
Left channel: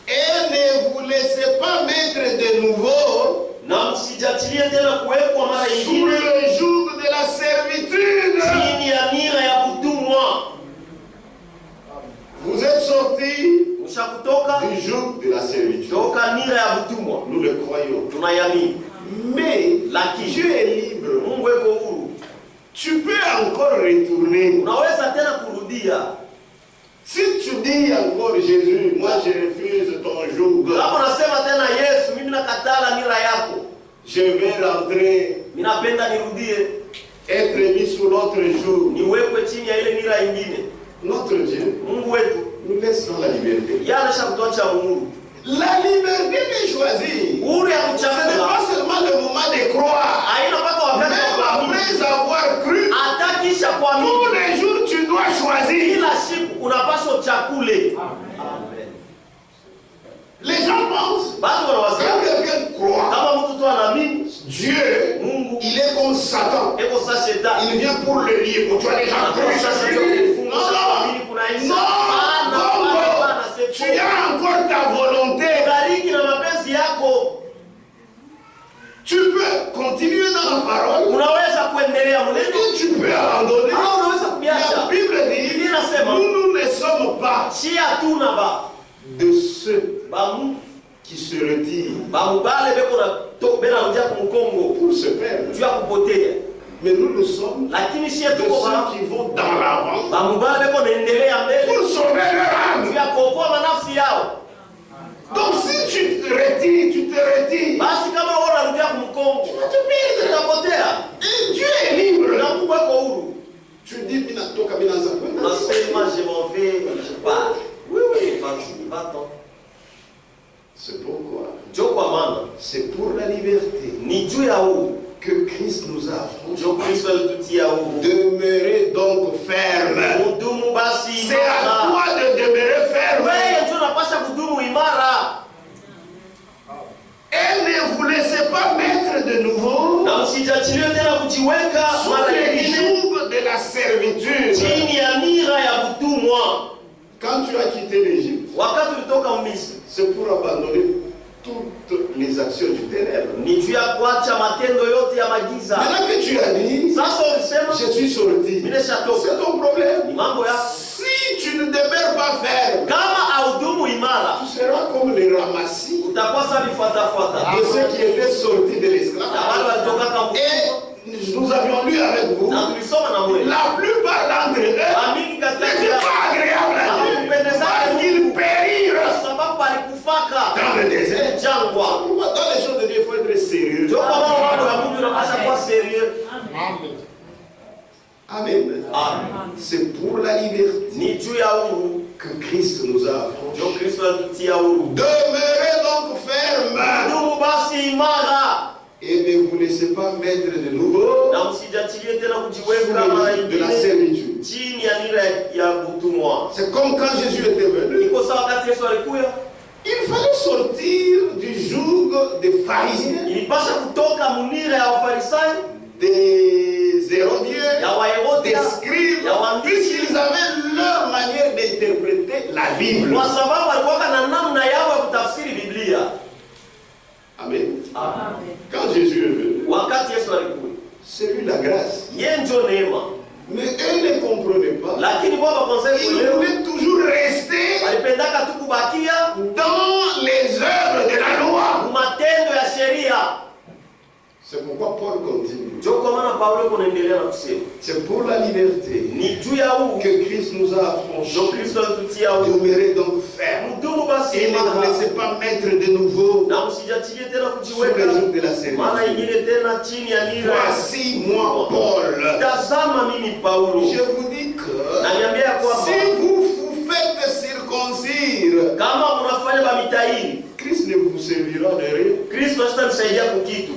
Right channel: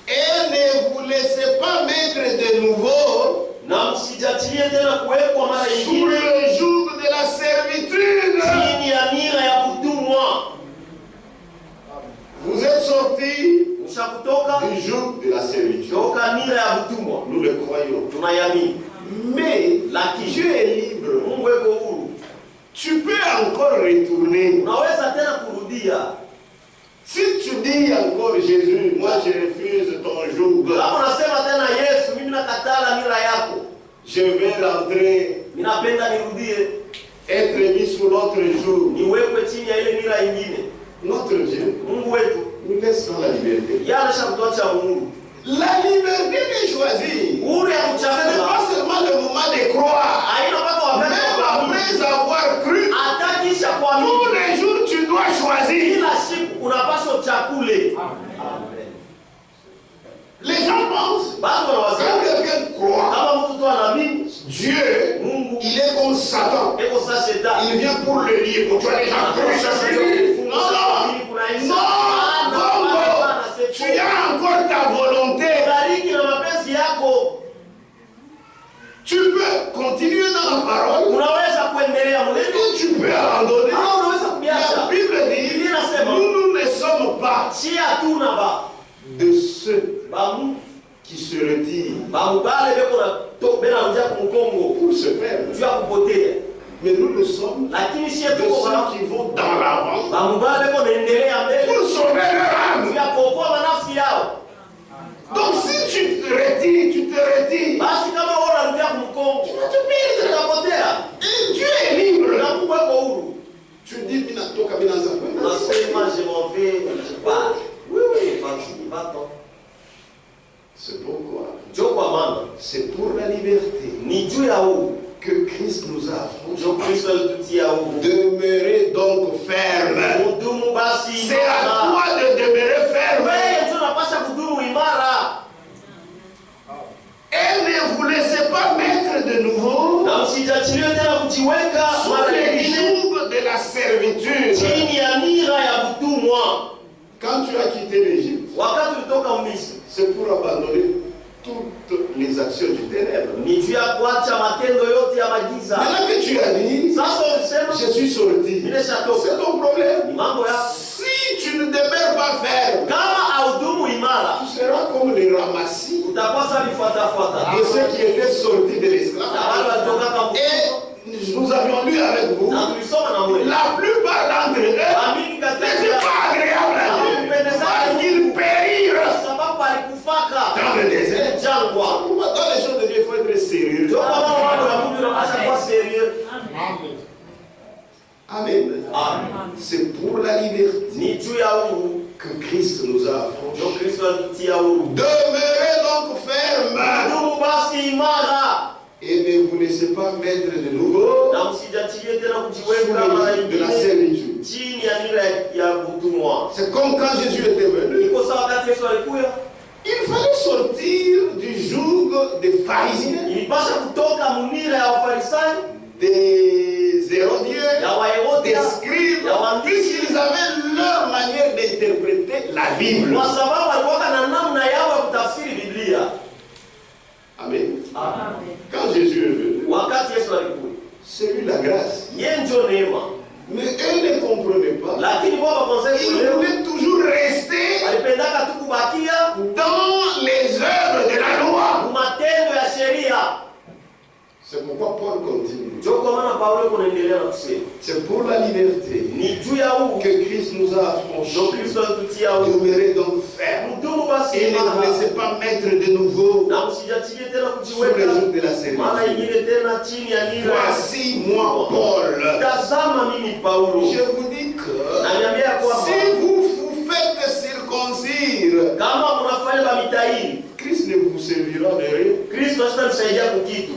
Et ne vous laissez pas mettre de nouveau na msijatilie tena kuwekwa mara sous nyingine le joug de la servitude. chini ya nira ya kutumwa. Vous êtes sortis Mshakutoka du joug de la servitude. toka nira ya kutumwa, Nous le croyons. tunayamini. Mais Lakini Dieu est libre. Mungu eko huru, Tu peux encore retourner. unaweza tena kurudia. Si tu dis encore Jésus, moi je refuse ton joug, Kama unasema tena Yesu, mimi nakatala nira yako, je vais rentrer, mimi napenda nirudie, être mis sous l'autre joug. niwekwe chini ya ile nira ingine. Notre Dieu Mungu wetu nous laisse dans la liberté. yeye anashakutoacha uhuru. La liberté de choisir, Uhuru ya ce n'est kuchagua pas seulement le moment de croire. haina mpaka wakati Même wa kuamini. après avoir cru, Hata kisha tous kuamini, les jours tu dois choisir. kila siku unapaswa uchakule. Les gens pensent, Bado quand wanawazia quelqu'un croit, kama mtu tu anaamini Dieu, Mungu il est comme Satan. eko sa shetani. Il vient pour le libre. Tu as déjà cru, c'est fini. Non, non, non, tu as encore ta volonté. Bariki na mapenzi yako, Tu peux continuer dans la parole unaweza kuendelea mlendo et tu peux abandonner. au unaweza La kubiacha. Bible dit, nous ne sommes pas Si hatuna ba de ceux bamu qui se retirent bamubale beko na to bena njia kumkongo pour se perdre. juu ya kupotea, Mais nous le sommes lakini si de tuko ba ceux qui vont dans l'avant bamubale beko naendelea mbele pour sauver leur âme. juu ya kuokoa manafsi yao. Donc si tu te retires, Basi kama wewe unarudia kumkongo tu vas te perdre. utapotea, Et Dieu est libre. na Mungu eko huru. Tu dis, Minatoka, Minaza. Nasema je m'en vais, je pars. Oui, va-t'en. C'est pourquoi, Ndio kwa maana c'est pour la liberté ni juu ya huru que Christ nous a affranchis. ndio Kristo alitutia huru. Demeurez donc ferme. Mudumu basi C'est à imara. toi de demeurer ferme. Wewe ndio unapaswa kudumu imara, Et ne vous laissez pas mettre de nouveau na msijachilie tena kujiweka sous mara les nyingine jougs de la servitude. chini ya nira ya kutumwa. Quand tu as quitté l'Égypte, Wakati ulitoka Misri, c'est pour abandonner toutes les actions du ténèbres. Ni juu ya kuacha matendo yote ya magiza. Maintenant que tu as dit, Sasa ulisema je suis sorti, nimeshatoka. c'est ton problème. Ni mambo yako. Si tu ne demeures pas ferme, Kama haudumu imara, tu seras comme les ramassis utakuwa sasa vifuatafuata. de ceux qui étaient sortis de Na wale l'esclavage. walitoka kama Et nous avions lu avec vous, na tulisoma na wewe. la plupart d'entre eux Amini katika n'étaient pas agréables à Dieu parce qu'ils périrent sababu alikufaka dans le désert. jangwa. Dans les choses de Dieu, il faut être sérieux. Ndio kwa maana watu wa Mungu wanapaswa kuwa serious. Amen. Amen. C'est pour la liberté Ni juu ya huru que Christ nous a affranchis. ndio Kristo alitutia huru. Demeurez donc fermes Ndugu basi imara et ne vous laissez pas mettre de nouveau na msijachilie tena sous kujiweka le mara joug de la nyingine servitude. chini ya nira ya utumwa. C'est comme quand Jésus était venu. Iko sawa wakati Yesu alikuja, Il fallait sortir du joug des pharisiens, ilipasha kutoka munira ya Wafarisayo, des hérodiens, ya Waherode, des scribes, ya waandishi, puisqu'ils avaient leur manière d'interpréter la Bible. kwa sababu walikuwa na namna yao ya kutafsiri Biblia. Amen. Amen. Quand Jésus est venu, Wakati Yesu alikuja, c'est lui la grâce. yeye ndio neema, Mais eux ne comprenaient pas. lakini kwa wakonsefu Ils leo voulaient toujours rester walipendaka tu kubakia dans les œuvres de la loi. matendo ya sheria. C'est pourquoi Paul continue. Ndio kwa maana Paulo kunaendelea na kusema C'est pour la liberté ni juu ya huu que Christ nous a ndio affranchis. Kristo alitutia huru. Demeurez donc fermes Mdumu basi et ne vous imara laissez pas mettre de nouveau na msijachilie tena sous le kujiweka joug de la mara servitude. nyingine tena chini ya nira. Voici moi, Paul. Tazama mimi Paulo, Je vous dis que naniambia ya kwamba si vous vous faites circoncire, kama mnafanya bamitaini, Christ ne vous servira de rien. Kristo hatanisaidia kukitu.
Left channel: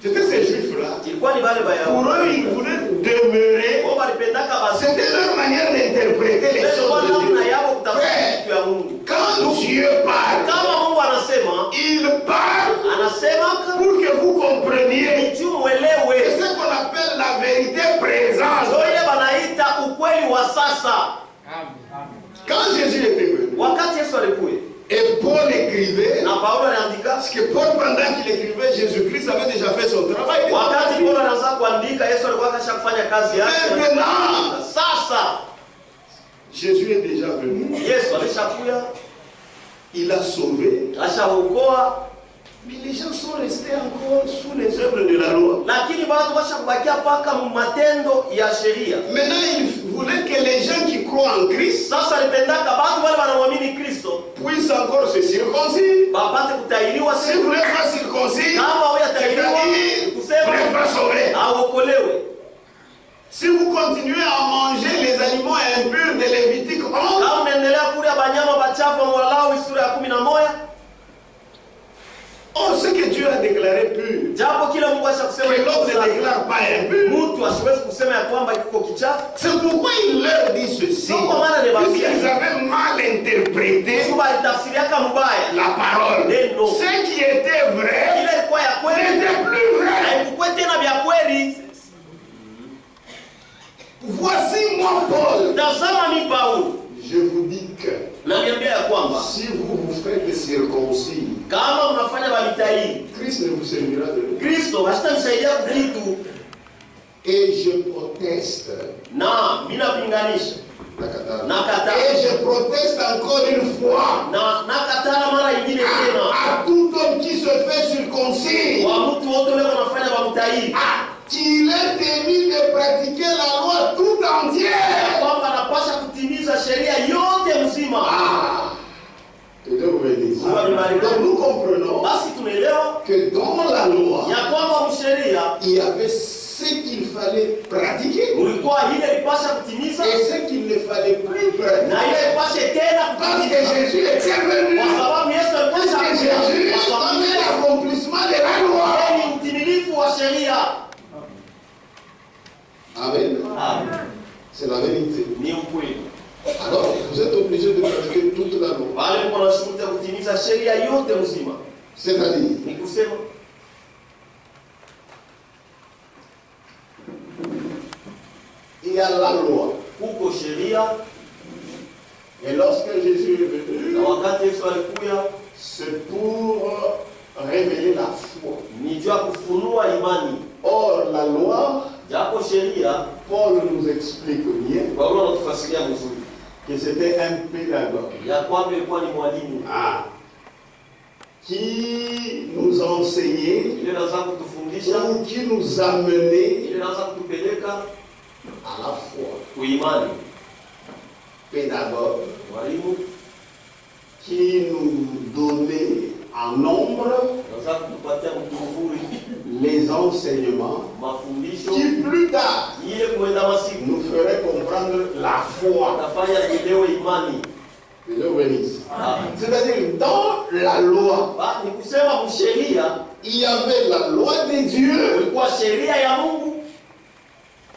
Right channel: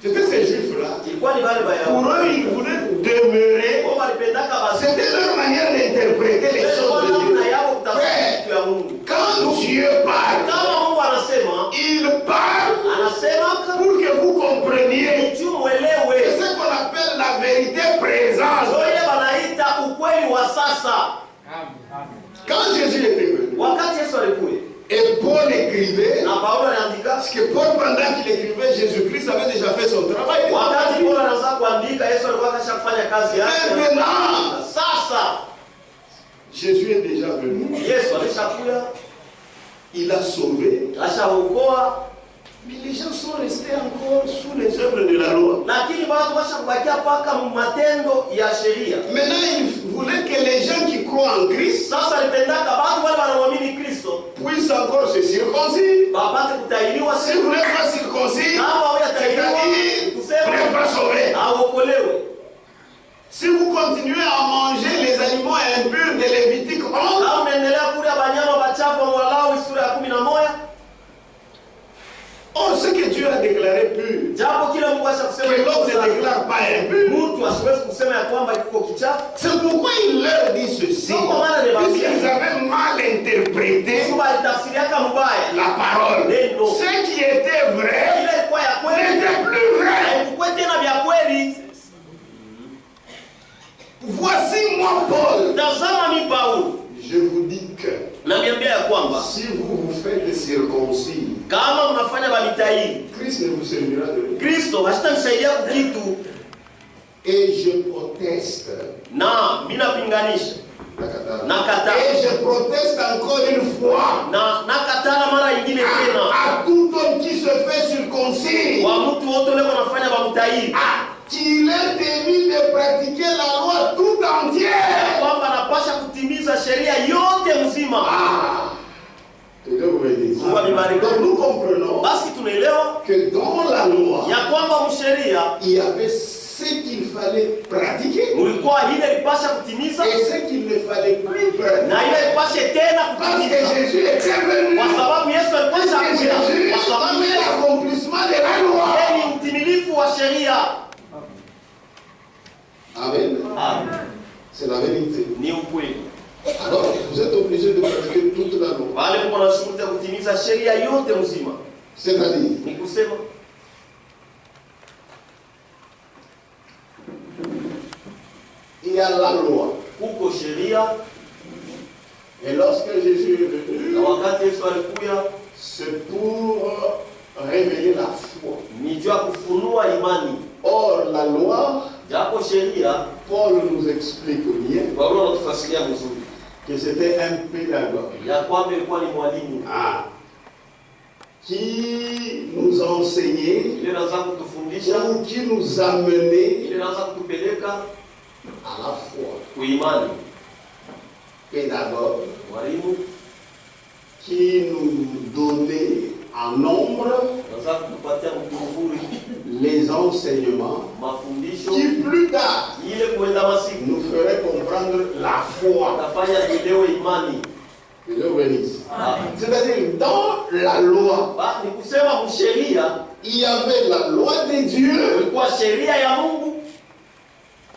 C'était ces juifs-là. Ilikuwa ni wale Pour Bayahudi eux, ils voulaient demeurer. wao walipendaka basi C'était leur manière d'interpréter les kwa choses de namna Dieu. yao kutafsiri Frère, kitu ya Mungu. quand Dieu parle, Kama Mungu anasema, il parle anasema pour que vous compreniez. juu C'est mwelewe. ce qu'on appelle la vérité présente. Ndio ile wanaita ukweli wa sasa. Quand Jésus était venu, Wakati Yesu alikuja et Paul écrivait, na Paulo aliandika, parce que Paul, pendant qu'il écrivait, Jésus-Christ avait déjà fait son travail. Il était wakati parti. Paulo anaanza kuandika, Yesu alikuwa kashafanya kazi yake. Maintenant, Sasa Jésus est déjà venu. Yesu alishakuja, Il a sauvé. ashaokoa, Mais les gens sont restés encore sous les œuvres de la loi. lakini watu washakubakia paka matendo ya sheria. Maintenant, il voulait que les gens qui croient en Christ Sasa alipendaka watu wale wanaoamini Kristo puissent encore se circoncire. wapate kutahiriwa. Si vous n'êtes pas circoncis, Kama huyatahiriwa, c'est-à-dire vous kusema n'êtes pas sauvé. aokolewe. Si vous continuez à manger les aliments impurs de Lévitique 11, Kama unaendelea kula banyama bachafu wa Walawi sura ya 11, on sait que Dieu a déclaré pur. japo kila Mungu ashakusema Que l'homme ne iko safi, déclare pas impur. mtu asiwezi kusema ya kwamba iko kichafu. C'est pourquoi il leur dit ceci. Puisqu'ils avaient mal interprété Mungu alitafsiriaka mbaya la parole. Ce qui était vrai ile ilikuwa ya kweli n'était plus vrai. haikuwa tena vya kweli. Voici moi, Paul. Tazama mi Paulo, Je vous dis que namiambia ya kwamba si vous vous faites circoncis, kama mnafanya bamitaini, Christ ne vous servira de rien. Kristo hatanisaidia kukitu. Et je proteste. Na mimi napinganisha, nakataa, Et je proteste encore une fois na nakatana mara nyingine tena à tout homme qui se fait circoncis, kwa mtu wote leo wanafanya bamitaini qu'il est émis de pratiquer la loi tout entière. kwamba anapasha kutimiza sheria yote mzima. Donc nous comprenons Basi tunaelewa que dans la loi, ya kwamba msheria il y avait ce qu'il fallait pratiquer mulikuwa ile ilipasha kutimiza et ce qu'il ne fallait plus pratiquer. na ile ilipashe tena Parce que kutimiza, Jésus était venu. kwa sababu Yesu Parce alipasha que kuja, Jésus kwa sababu est l'accomplissement de la loi. yeye ni mtimilifu wa sheria. Amen. Amen. C'est la vérité. Ni ukweli. Alors, vous êtes obligé de pratiquer toute la loi. Wale mko na shughuli ya kutimiza sheria yote mzima. C'est-à-dire, Ni kusema il y a la loi. huko sheria, Et lorsque Jésus est venu, na wakati Yesu alikuja c'est pour révéler la foi. ni juu ya kufunua imani. Or, la loi, Japo sheria Paul nous explique bien Paulo anatufasiria vizuri que c'était un pédagogue ya kwamba ilikuwa ni mwalimu qui nous enseignait ile inaanza kutufundisha, ou qui nous amenait ile inaanza kutupeleka à la foi. kuimani. Pédagogue Mwalimu qui nous donnait en nombre anaanza kutupatia mtuvuri les enseignements mafundisho qui plus tard ile kuenda masiku nous ferait comprendre la foi. atafanya tuelewe imani. Dieu bénisse. C'est-à-dire, dans la loi, Ni kusema msheria il y avait la loi de Dieu ilikuwa sheria ya Mungu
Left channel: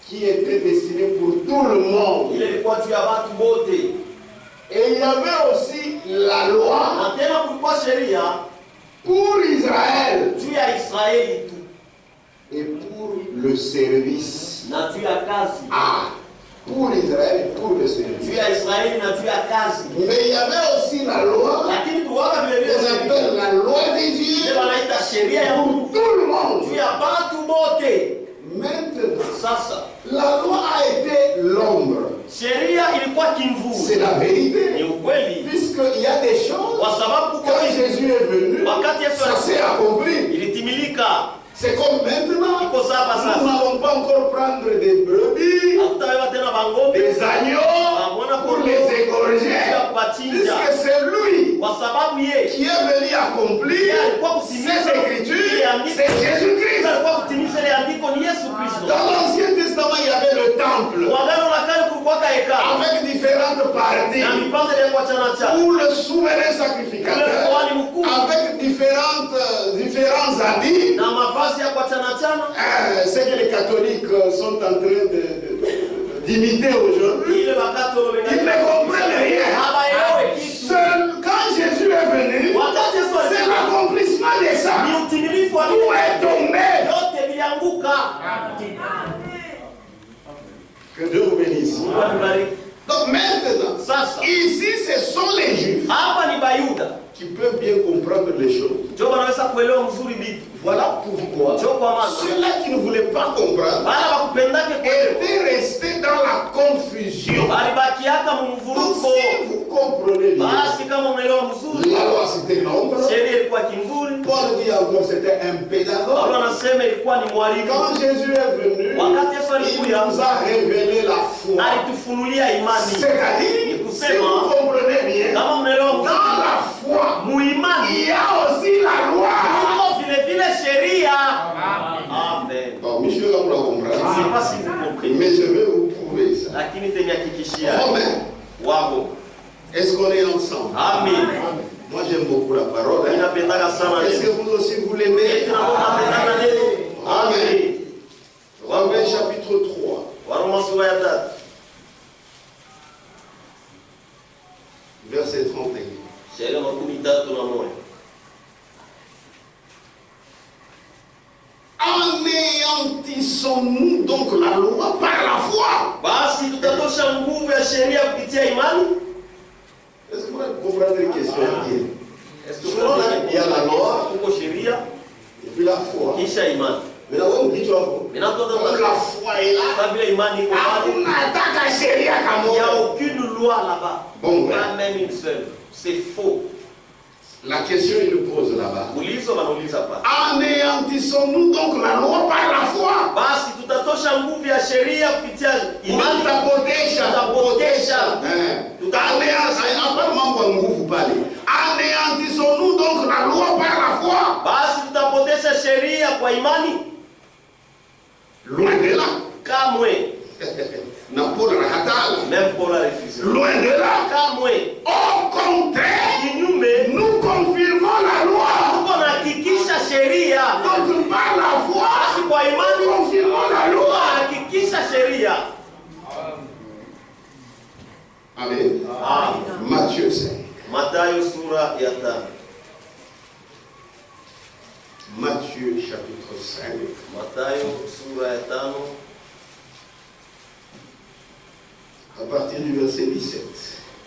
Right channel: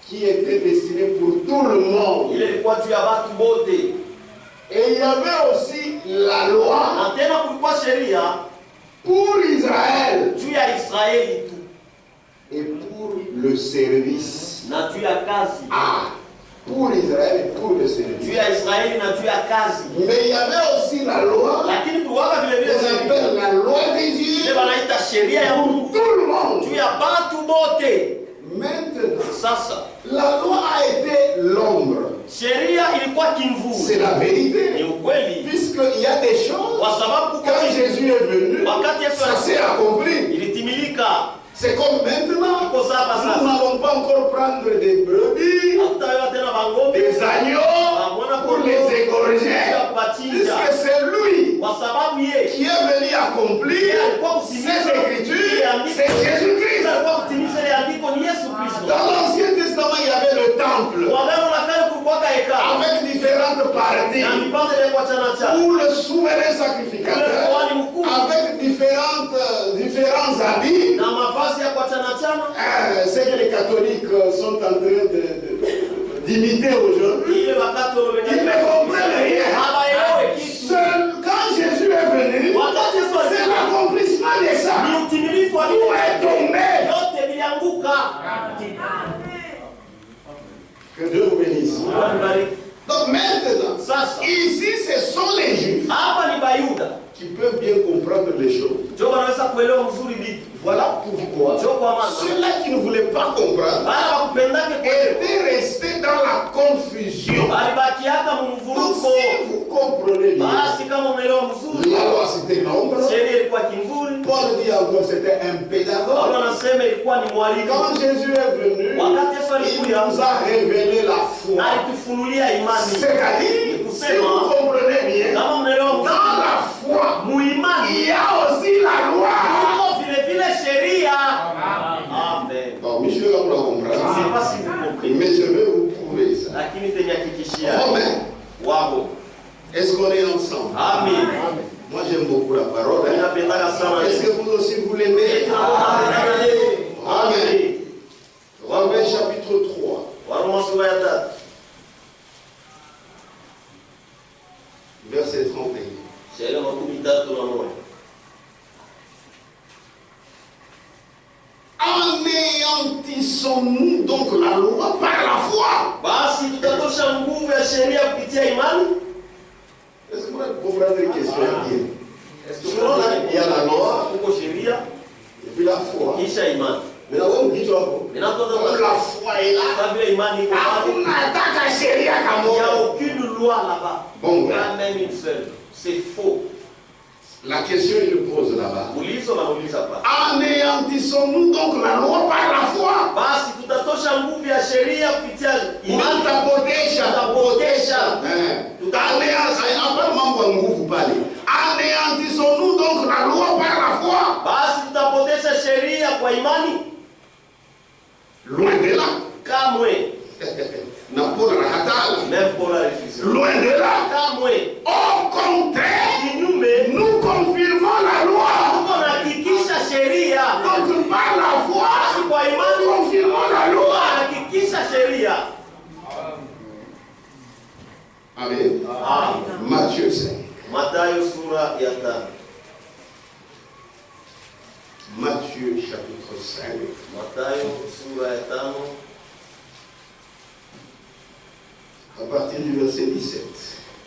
qui était destinée pour tout le monde. ile ilikuwa juu ya watu wote, Et il y avait aussi la loi na tena kulikuwa sheria pour Israël juu ya Israeli tu et pour le service. na juu ya kazi, Pour Israël et pour le juu service. ya Israeli na juu ya kazi. Mais il y avait aussi la loi Lakini tuwaka vile vile qu'on appelle la loi de ile Dieu wanaita sheria ya pour Mungu tout le monde. juu ya watu wote. Maintenant, Sasa la loi a été l'ombre. sheria ilikuwa kimvuli, C'est la ni vérité. ukweli, Puisqu'il y a des choses, kwa sababu quand Jésus est venu, wakati Yesu ça s'est accompli. ilitimilika. C'est comme maintenant, Iko sasa nous sasa n'allons pas encore prendre des brebis, hatutawewa tena bangombe des agneaux pour les égorger, puisque c'est lui kwa sababu yeye qui est venu accomplir ces écritures, c'est Jésus-Christ. alikuwa kutimiza ile andiko ni Yesu Kristo. Dans l'Ancien Testament, il y avait le temple Kwa Agano la Kale kulikuwa hekalu avec différentes parties na vipande vya kuachana cha où le souverain sacrificateur avec différents habits. na mavazi ya kuachana chana. C'est que les catholiques sont en train d'imiter aujourd'hui. Ile wakati Ils ne comprennent rien. habaelewi kitu. Quand Jésus est venu, Wakati Yesu c'est alikuja l'accomplissement de ça. ni utimilifu wa Tout est tombé. yote vilianguka. Que Dieu vous bénisse. Mungu abariki. Donc maintenant, Sasa ici ce sont les Juifs hapa ni Bayuda qui peuvent bien comprendre les choses. ndio wanaweza kuelewa mzuri vitu. Voilà pourquoi Ndio kwa maana ceux-là qui ne voulaient pas comprendre bala wakupendake kuelewa étaient restés dans la confusion. balibakiaka Donc mumvuruko. si vous comprenez bien, Basi kama unaelewa mzuri, la loi c'était l'ombre. sheria ilikuwa kimvuli. Paul dit encore c'était un pédagogue. Paulo anasema ilikuwa ni mwalimu. Quand Jésus est venu, Wakati Yesu il alikuja nous a révélé la foi. alitufunulia imani. C'est-à-dire, si vous comprenez bien, Kama mnaelewa dans mzuri, la foi, muimani il y a aussi la loi. iko vile vile sheria. Amen. Bon, monsieur, là, vous la Je comprenez. sais pas si vous comprenez, Mais je vais vous prouver ça. lakini tenihakikishia Romain, wao. est-ce qu'on est ensemble? Amen. Moi, j'aime beaucoup la parole. Hein? Ninapendaka sana Est-ce que neno. vous aussi vous l'aimez? Tunapendaka neno. Amen. Romains chapitre 3, Waroma sura ya 3 verset 31. shairi ya 31. Anéantissons-nous donc la loi par la foi? Basi tutatosha nguvu ya sheria kupitia imani. Est-ce que vous comprenez les questions bien? Est-ce que Selon il y a la loi kuko sheria et puis la foi. kisha imani. Mais là, on dit toi, comme Ninatoka la foi est là, kwa vile imani iko pale. hakuna hata sheria Il n'y a kama. aucune loi là-bas. Bon, ouais. Pas même une seule. C'est faux. La question, il le pose là-bas. Ulizo wanauliza pale. Anéantissons-nous donc la loi par la foi? Basi tutatosha nguvu ya sheria kupitia imani. Tutapotesha. Hapana mambo ya nguvu pale. Anéantissons-nous donc la loi par la foi? Basi tutapotesha sheria kwa imani? Loin de là. Kamwe. Na Paul anakataa. Même Paul a refusé. Loin de là. Kamwe. Au contraire, Kinyume, nous confirmons la loi. tuko nahakikisha sheria. Donc par la foi, Basi kwa nous imani confirmons la tuko loi. nahakikisha sheria. Amen. Amen. Matthieu 5. Mathayo sura ya 5. Matthieu chapitre 5. Mathayo sura ya 5 À partir du verset 17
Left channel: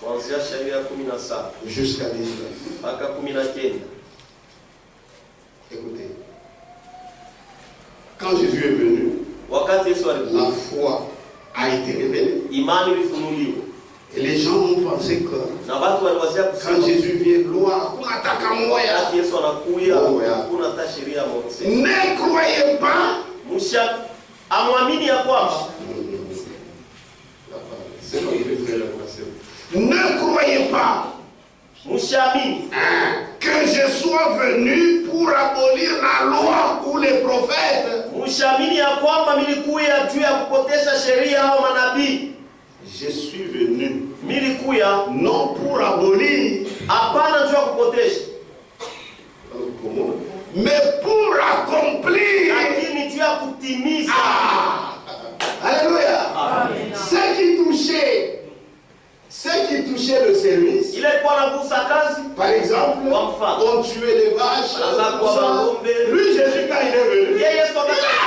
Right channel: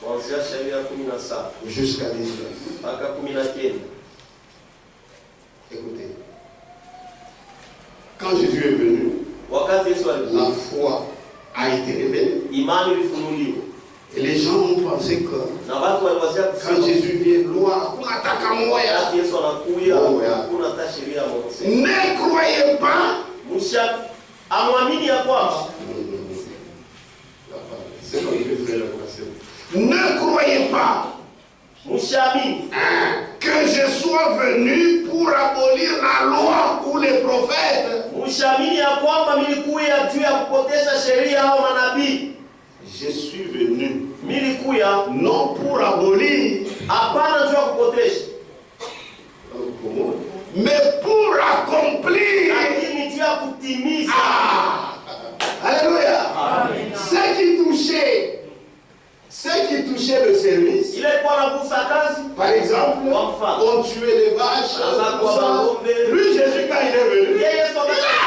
kuanzia shairi ya 17 jusqu'à 19. mpaka 19. Quand Jésus est venu, wakati Yesu la alikuja, foi a été révélée. imani ilifunuliwa. Et les gens ont pensé que Na watu waliwazia quand kusema Jésus vient, loi, kunataka moya. wakati Yesu anakuja Oh, yeah. hakuna hata sheria ya Mose. Ne croyez pas. Musha amwamini ya kwamba C'est comme le frère l'a passé. Ne croyez pas mushaamini que je sois venu pour abolir la loi ou les prophètes. mushaamini ya kwamba nilikuja juu ya kupotesha sheria au manabii. Je suis venu Nilikuja non pour abolir, hapana juu ya kupotesha, mais pour accomplir. lakini juu ya kutimiza. Alléluia. Ceux qui touchaient le service, Ile ilikuwa nagusa kazi. par exemple, on tuait les vaches. tout ça. Lui, Jésus, quand il est venu, Yeye Yesu il a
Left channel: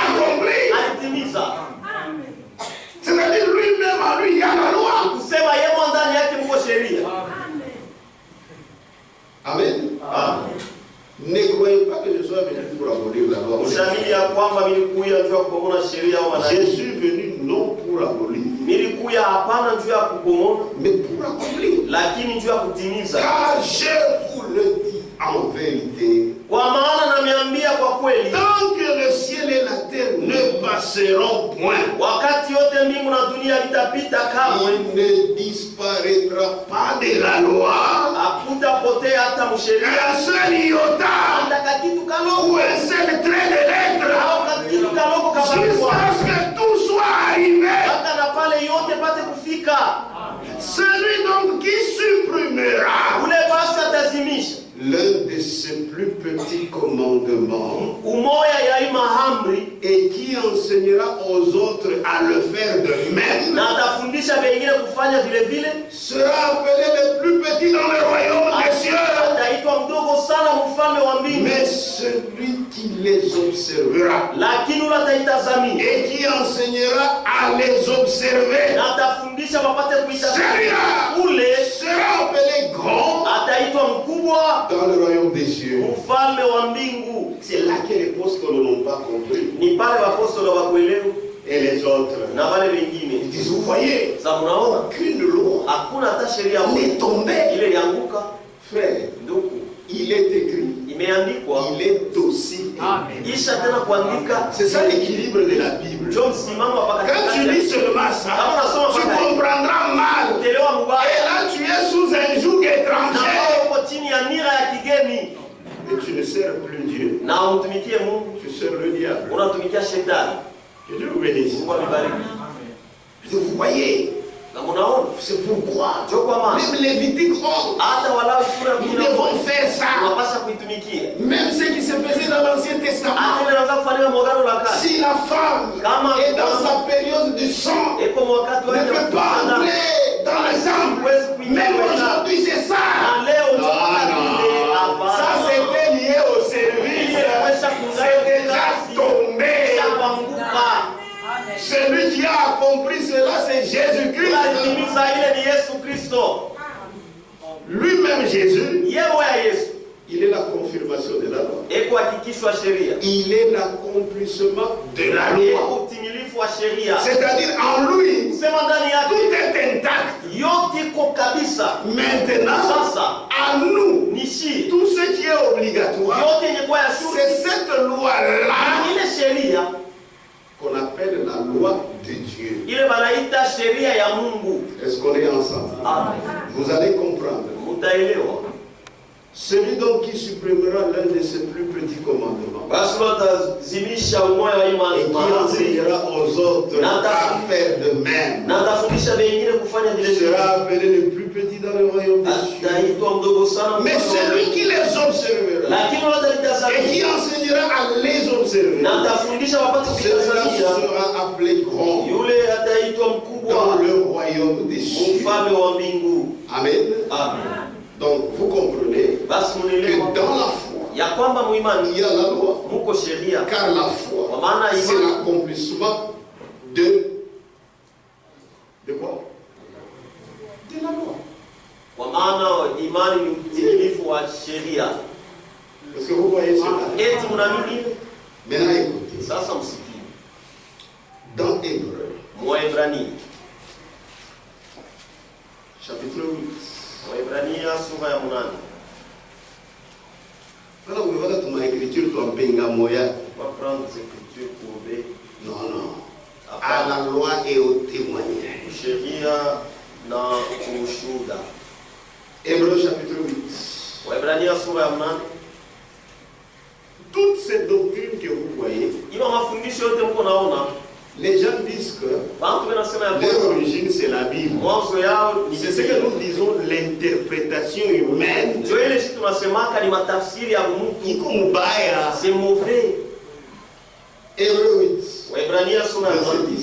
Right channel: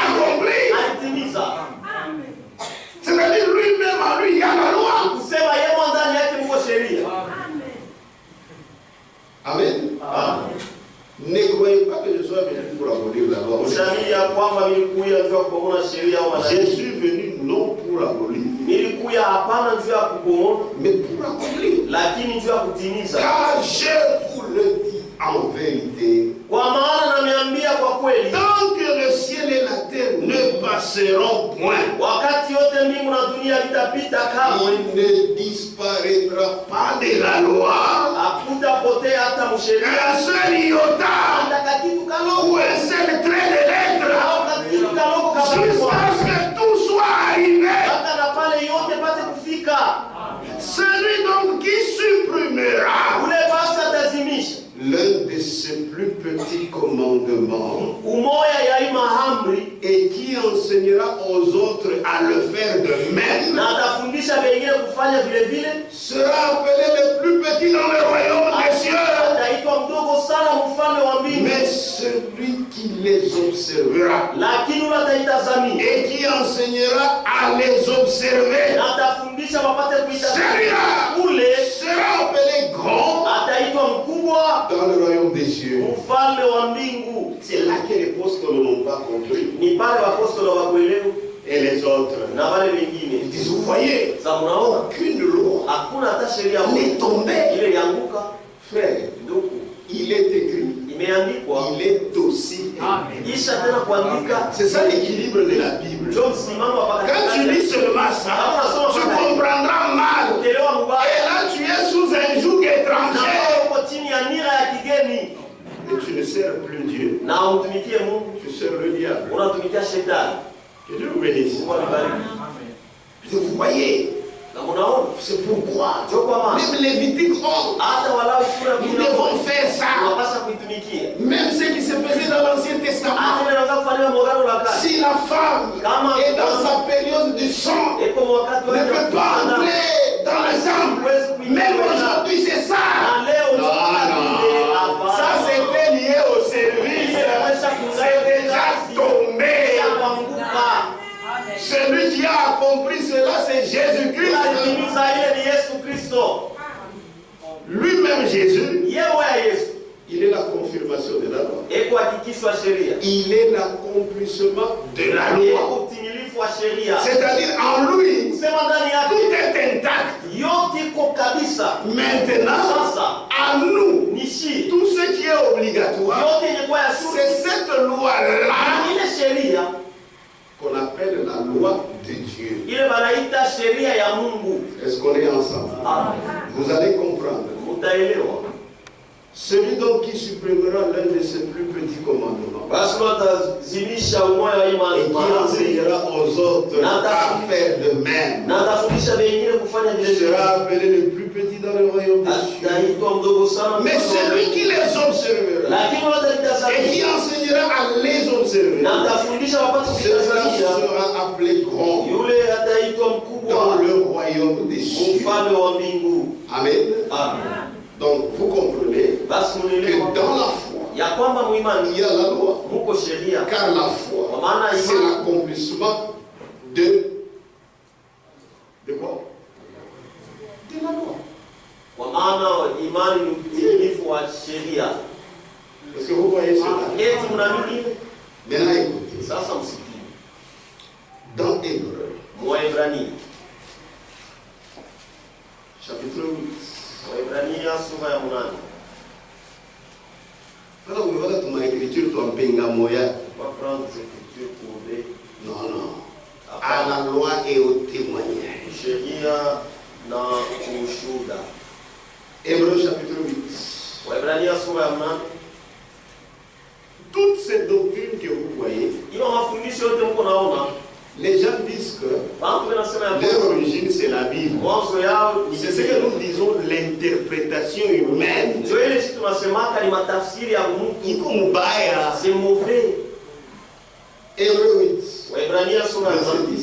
accompli. alitimiza. C'est-à-dire lui-même, en lui, il y a la loi. Kusema yeye ndani yake mko sheria. Amen. Ne croyez pas que je sois venu pour abolir la loi. Mushaamini ya kwamba nilikuja juu ya kubomoa sheria au Je manabii. suis venu non pour abolir, Nilikuja hapana juu ya kubomoa, mais pour accomplir. lakini juu ya kutimiza. Car je vous le dis en vérité, Kwa maana nameambia kwa kweli, tant que le ciel et la terre ne passeront point, wakati yote mbingu na dunia vitapita kamwe, il ne disparaîtra pas de la loi hakutapotea hata msheria un seul iota hata kakitu ou kaloko un seul trait de lettre, au kakitu kaloko kama jusqu'à ce que tout soit arrivé. hata na pale yote pate kufika. Celui donc qui supprimera Ule basi atazimisha l'un de ses plus petits commandements umoya ya ima amri et qui enseignera aux autres à le faire de même na atafundisha wengine kufanya vile vile, sera appelé le plus petit dans le royaume des cieux. ataitwa mdogo sana mfalme wa mbingu. Mais celui qui les observera Lakini ule ataitazamia et qui enseignera à les observer, na atafundisha wapate kuitazamia, celui-là ule sera appelé grand ataitwa mkubwa dans le royaume des cieux. mfalme wa mbingu. C'est là que les apôtres n'ont pas compris. Ni pale apostolo wa kuelewa Et les autres, na wale ils wengine disent, vous voyez, za mnaona aucune loi hakuna hata sheria n'est tombée. ile yanguka. Frère, Ndugu, il est écrit, imeandikwa il est aussi écrit. isha tena kuandika. C'est ça l'équilibre de la Bible. Ndio msimamo hapa Quand tu lis seulement ça, tu comprendras mal. kuelewa Et mbaya là, tu es sous un joug na étranger. uko chini ya nira ya kigeni Et tu ne sers plus Dieu, na umtumikie Mungu, tu sers le diable. unatumikia shetani. Que Dieu vous bénisse. Mungu abariki. Vous voyez, Na mnaona c'est pourquoi ndio kwa maana même les Lévitiques ont. hata walau sura Nous 10 devons faire ça. tunapaswa kuitumikia. Même ce qui se faisait dans l'Ancien Testament. Hata ile inaanza kufanywa mwagano la kale. Si la femme est dans sa période du sang, Eko wakati ne wake wa peut pas kuzana. entrer dans le temple. Même aujourd'hui, c'est ça. Na leo Non, non. Ça, c'était lié au service. C'est déjà tombé. Celui qui a accompli cela, c'est Jésus-Christ. Alitimiza ile ni Yesu Kristo. Lui-même, Jésus, Yeye ya Yesu il est la confirmation de la loi. eko hakikishwa sheria. Il est l'accomplissement de la loi. Eko utimilifu wa sheria. C'est-à-dire, en lui, Sema ndani tout yake est intact. yote iko kabisa. Maintenant, Sasa à nous, nishi tout ce qui est obligatoire, yote yenye kwa ya shule c'est cette loi-là ile sheria qu'on appelle la loi de Dieu. ile banaita sheria ya Mungu. Est-ce qu'on est ensemble? Amen. Vous allez comprendre. Mutaelewa. Celui donc qui supprimera l'un de ses plus petits commandements Basi watazimisha umoja wa et imani qui enseignera aux autres à faire de même na atafundisha wengine kufanya vile vile. sera appelé le plus petit dans le royaume des cieux. Ataitwa mdogo sana. Mais celui qui les observera lakini et watalitazamia qui enseignera à les observer, na atafundisha wapate celui-là kutazamia, sera appelé grand yule ataitwa dans mkubwa le royaume des cieux. mfalme wa mbingu. Amen. Amen. Donc vous comprenez Basi que mnielewa dans la foi, ya kwamba muimani il y a la loi. muko sheria, Car la foi, kwa maana c'est imani l'accomplissement de quoi? De la loi. kwa maana imani ni utimilifu wa sheria. Est-ce que vous voyez cela? Eti mnaamini hivyo? Maintenant écoutez. Sasa msikie. Waebrania. Chapitre 8. Waebrania sura ya 8. Voilà, vous voyez ton écriture, ton pengamoya. On va prendre les écritures pour les... Non, non. À la loi et au témoignage. Sheria na ushuhuda. Hébreux chapitre 8. Waebrania sura ya 8. Toutes ces doctrines que vous voyez, Ilo mafundisho yote mko naona, les gens disent que watu wanasema ya leur origine c'est la Bible. mwanzo yao ni C'est ce que nous disons, l'interprétation humaine. ndio ile sisi tunasemaka ni matafsiri ya mtu. Iko mubaya. C'est mauvais. Hébreux 8. Waebrania sura ya 10.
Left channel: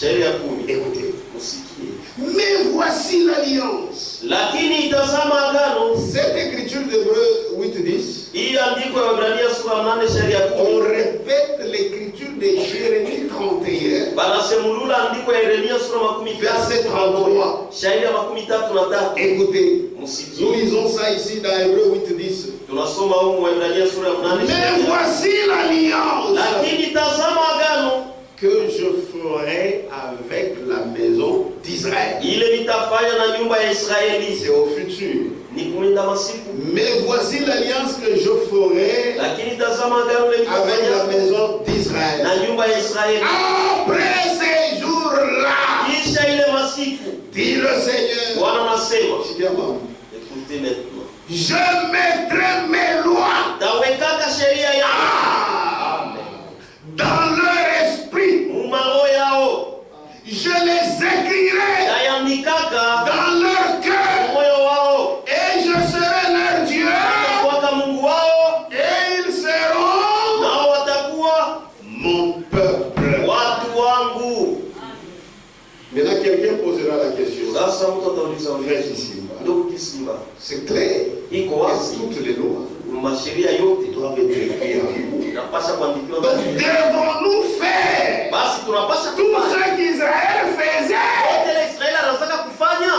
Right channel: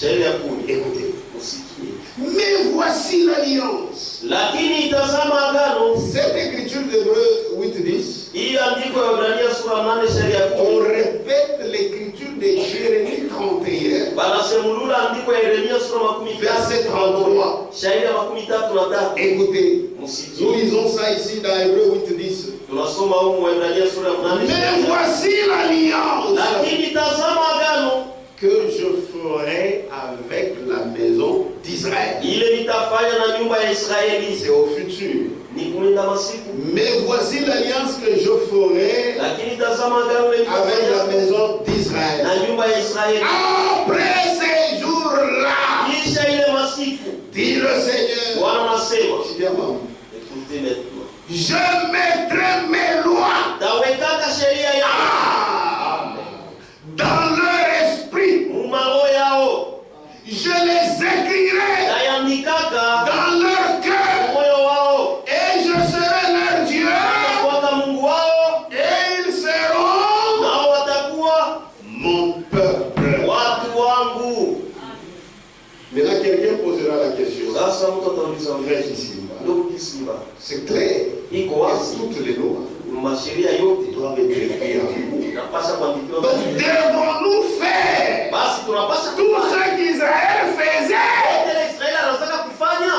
Sheria ya 10. Écoutez. Usikie. Mais voici l'alliance. Lakini itazama agano. Cette écriture d'Hébreux 8:10. Hii andiko ya Waebrania sura ya 8 sheria ya 10. On répète l'écriture de Jérémie 31. Banasemulula andiko ya Yeremia sura ya 30. Verset 33. Sheria ya 33. Écoutez. Musikie. Nous lisons ça ici dans Hébreux 8:10. Tunasoma huko Waebrania sura ya 8. Mais voici l'alliance Lakini tazama agano que je ferai avec la maison d'Israël. ile nitafanya na nyumba ya Israeli. C'est au futur. Ni kuenda masiku. Mais voici l'alliance que je ferai Lakini tazama agano ile avec la nitafanya maison d'Israël. na nyumba ya Israeli. Après ces jours-là, Kisha ile masiku dit le Seigneur, Bwana anasema, écoutez maintenant. je mettrai mes lois Tawekaka sheria ya dans leur esprit. mumaro yao. Je les écrirai Tayandikaka dans leur cœur. moyo wao. Et je serai leur Dieu. Watakuwa Mungu wao. Et ils seront Nao watakuwa mon peuple. watu wangu. Maintenant, quelqu'un posera la question. Sasa mtu atauliza Frère Kissimba, ndugu Kissimba, c'est clair iko que wazi toutes les lois masheria yote doivent être écrites en nous. inapaswa kuandikiwa. Donc, devons-nous faire Basi tunapaswa tout kufanya ce qu'Israël faisait? yote Israeli anataka kufanya.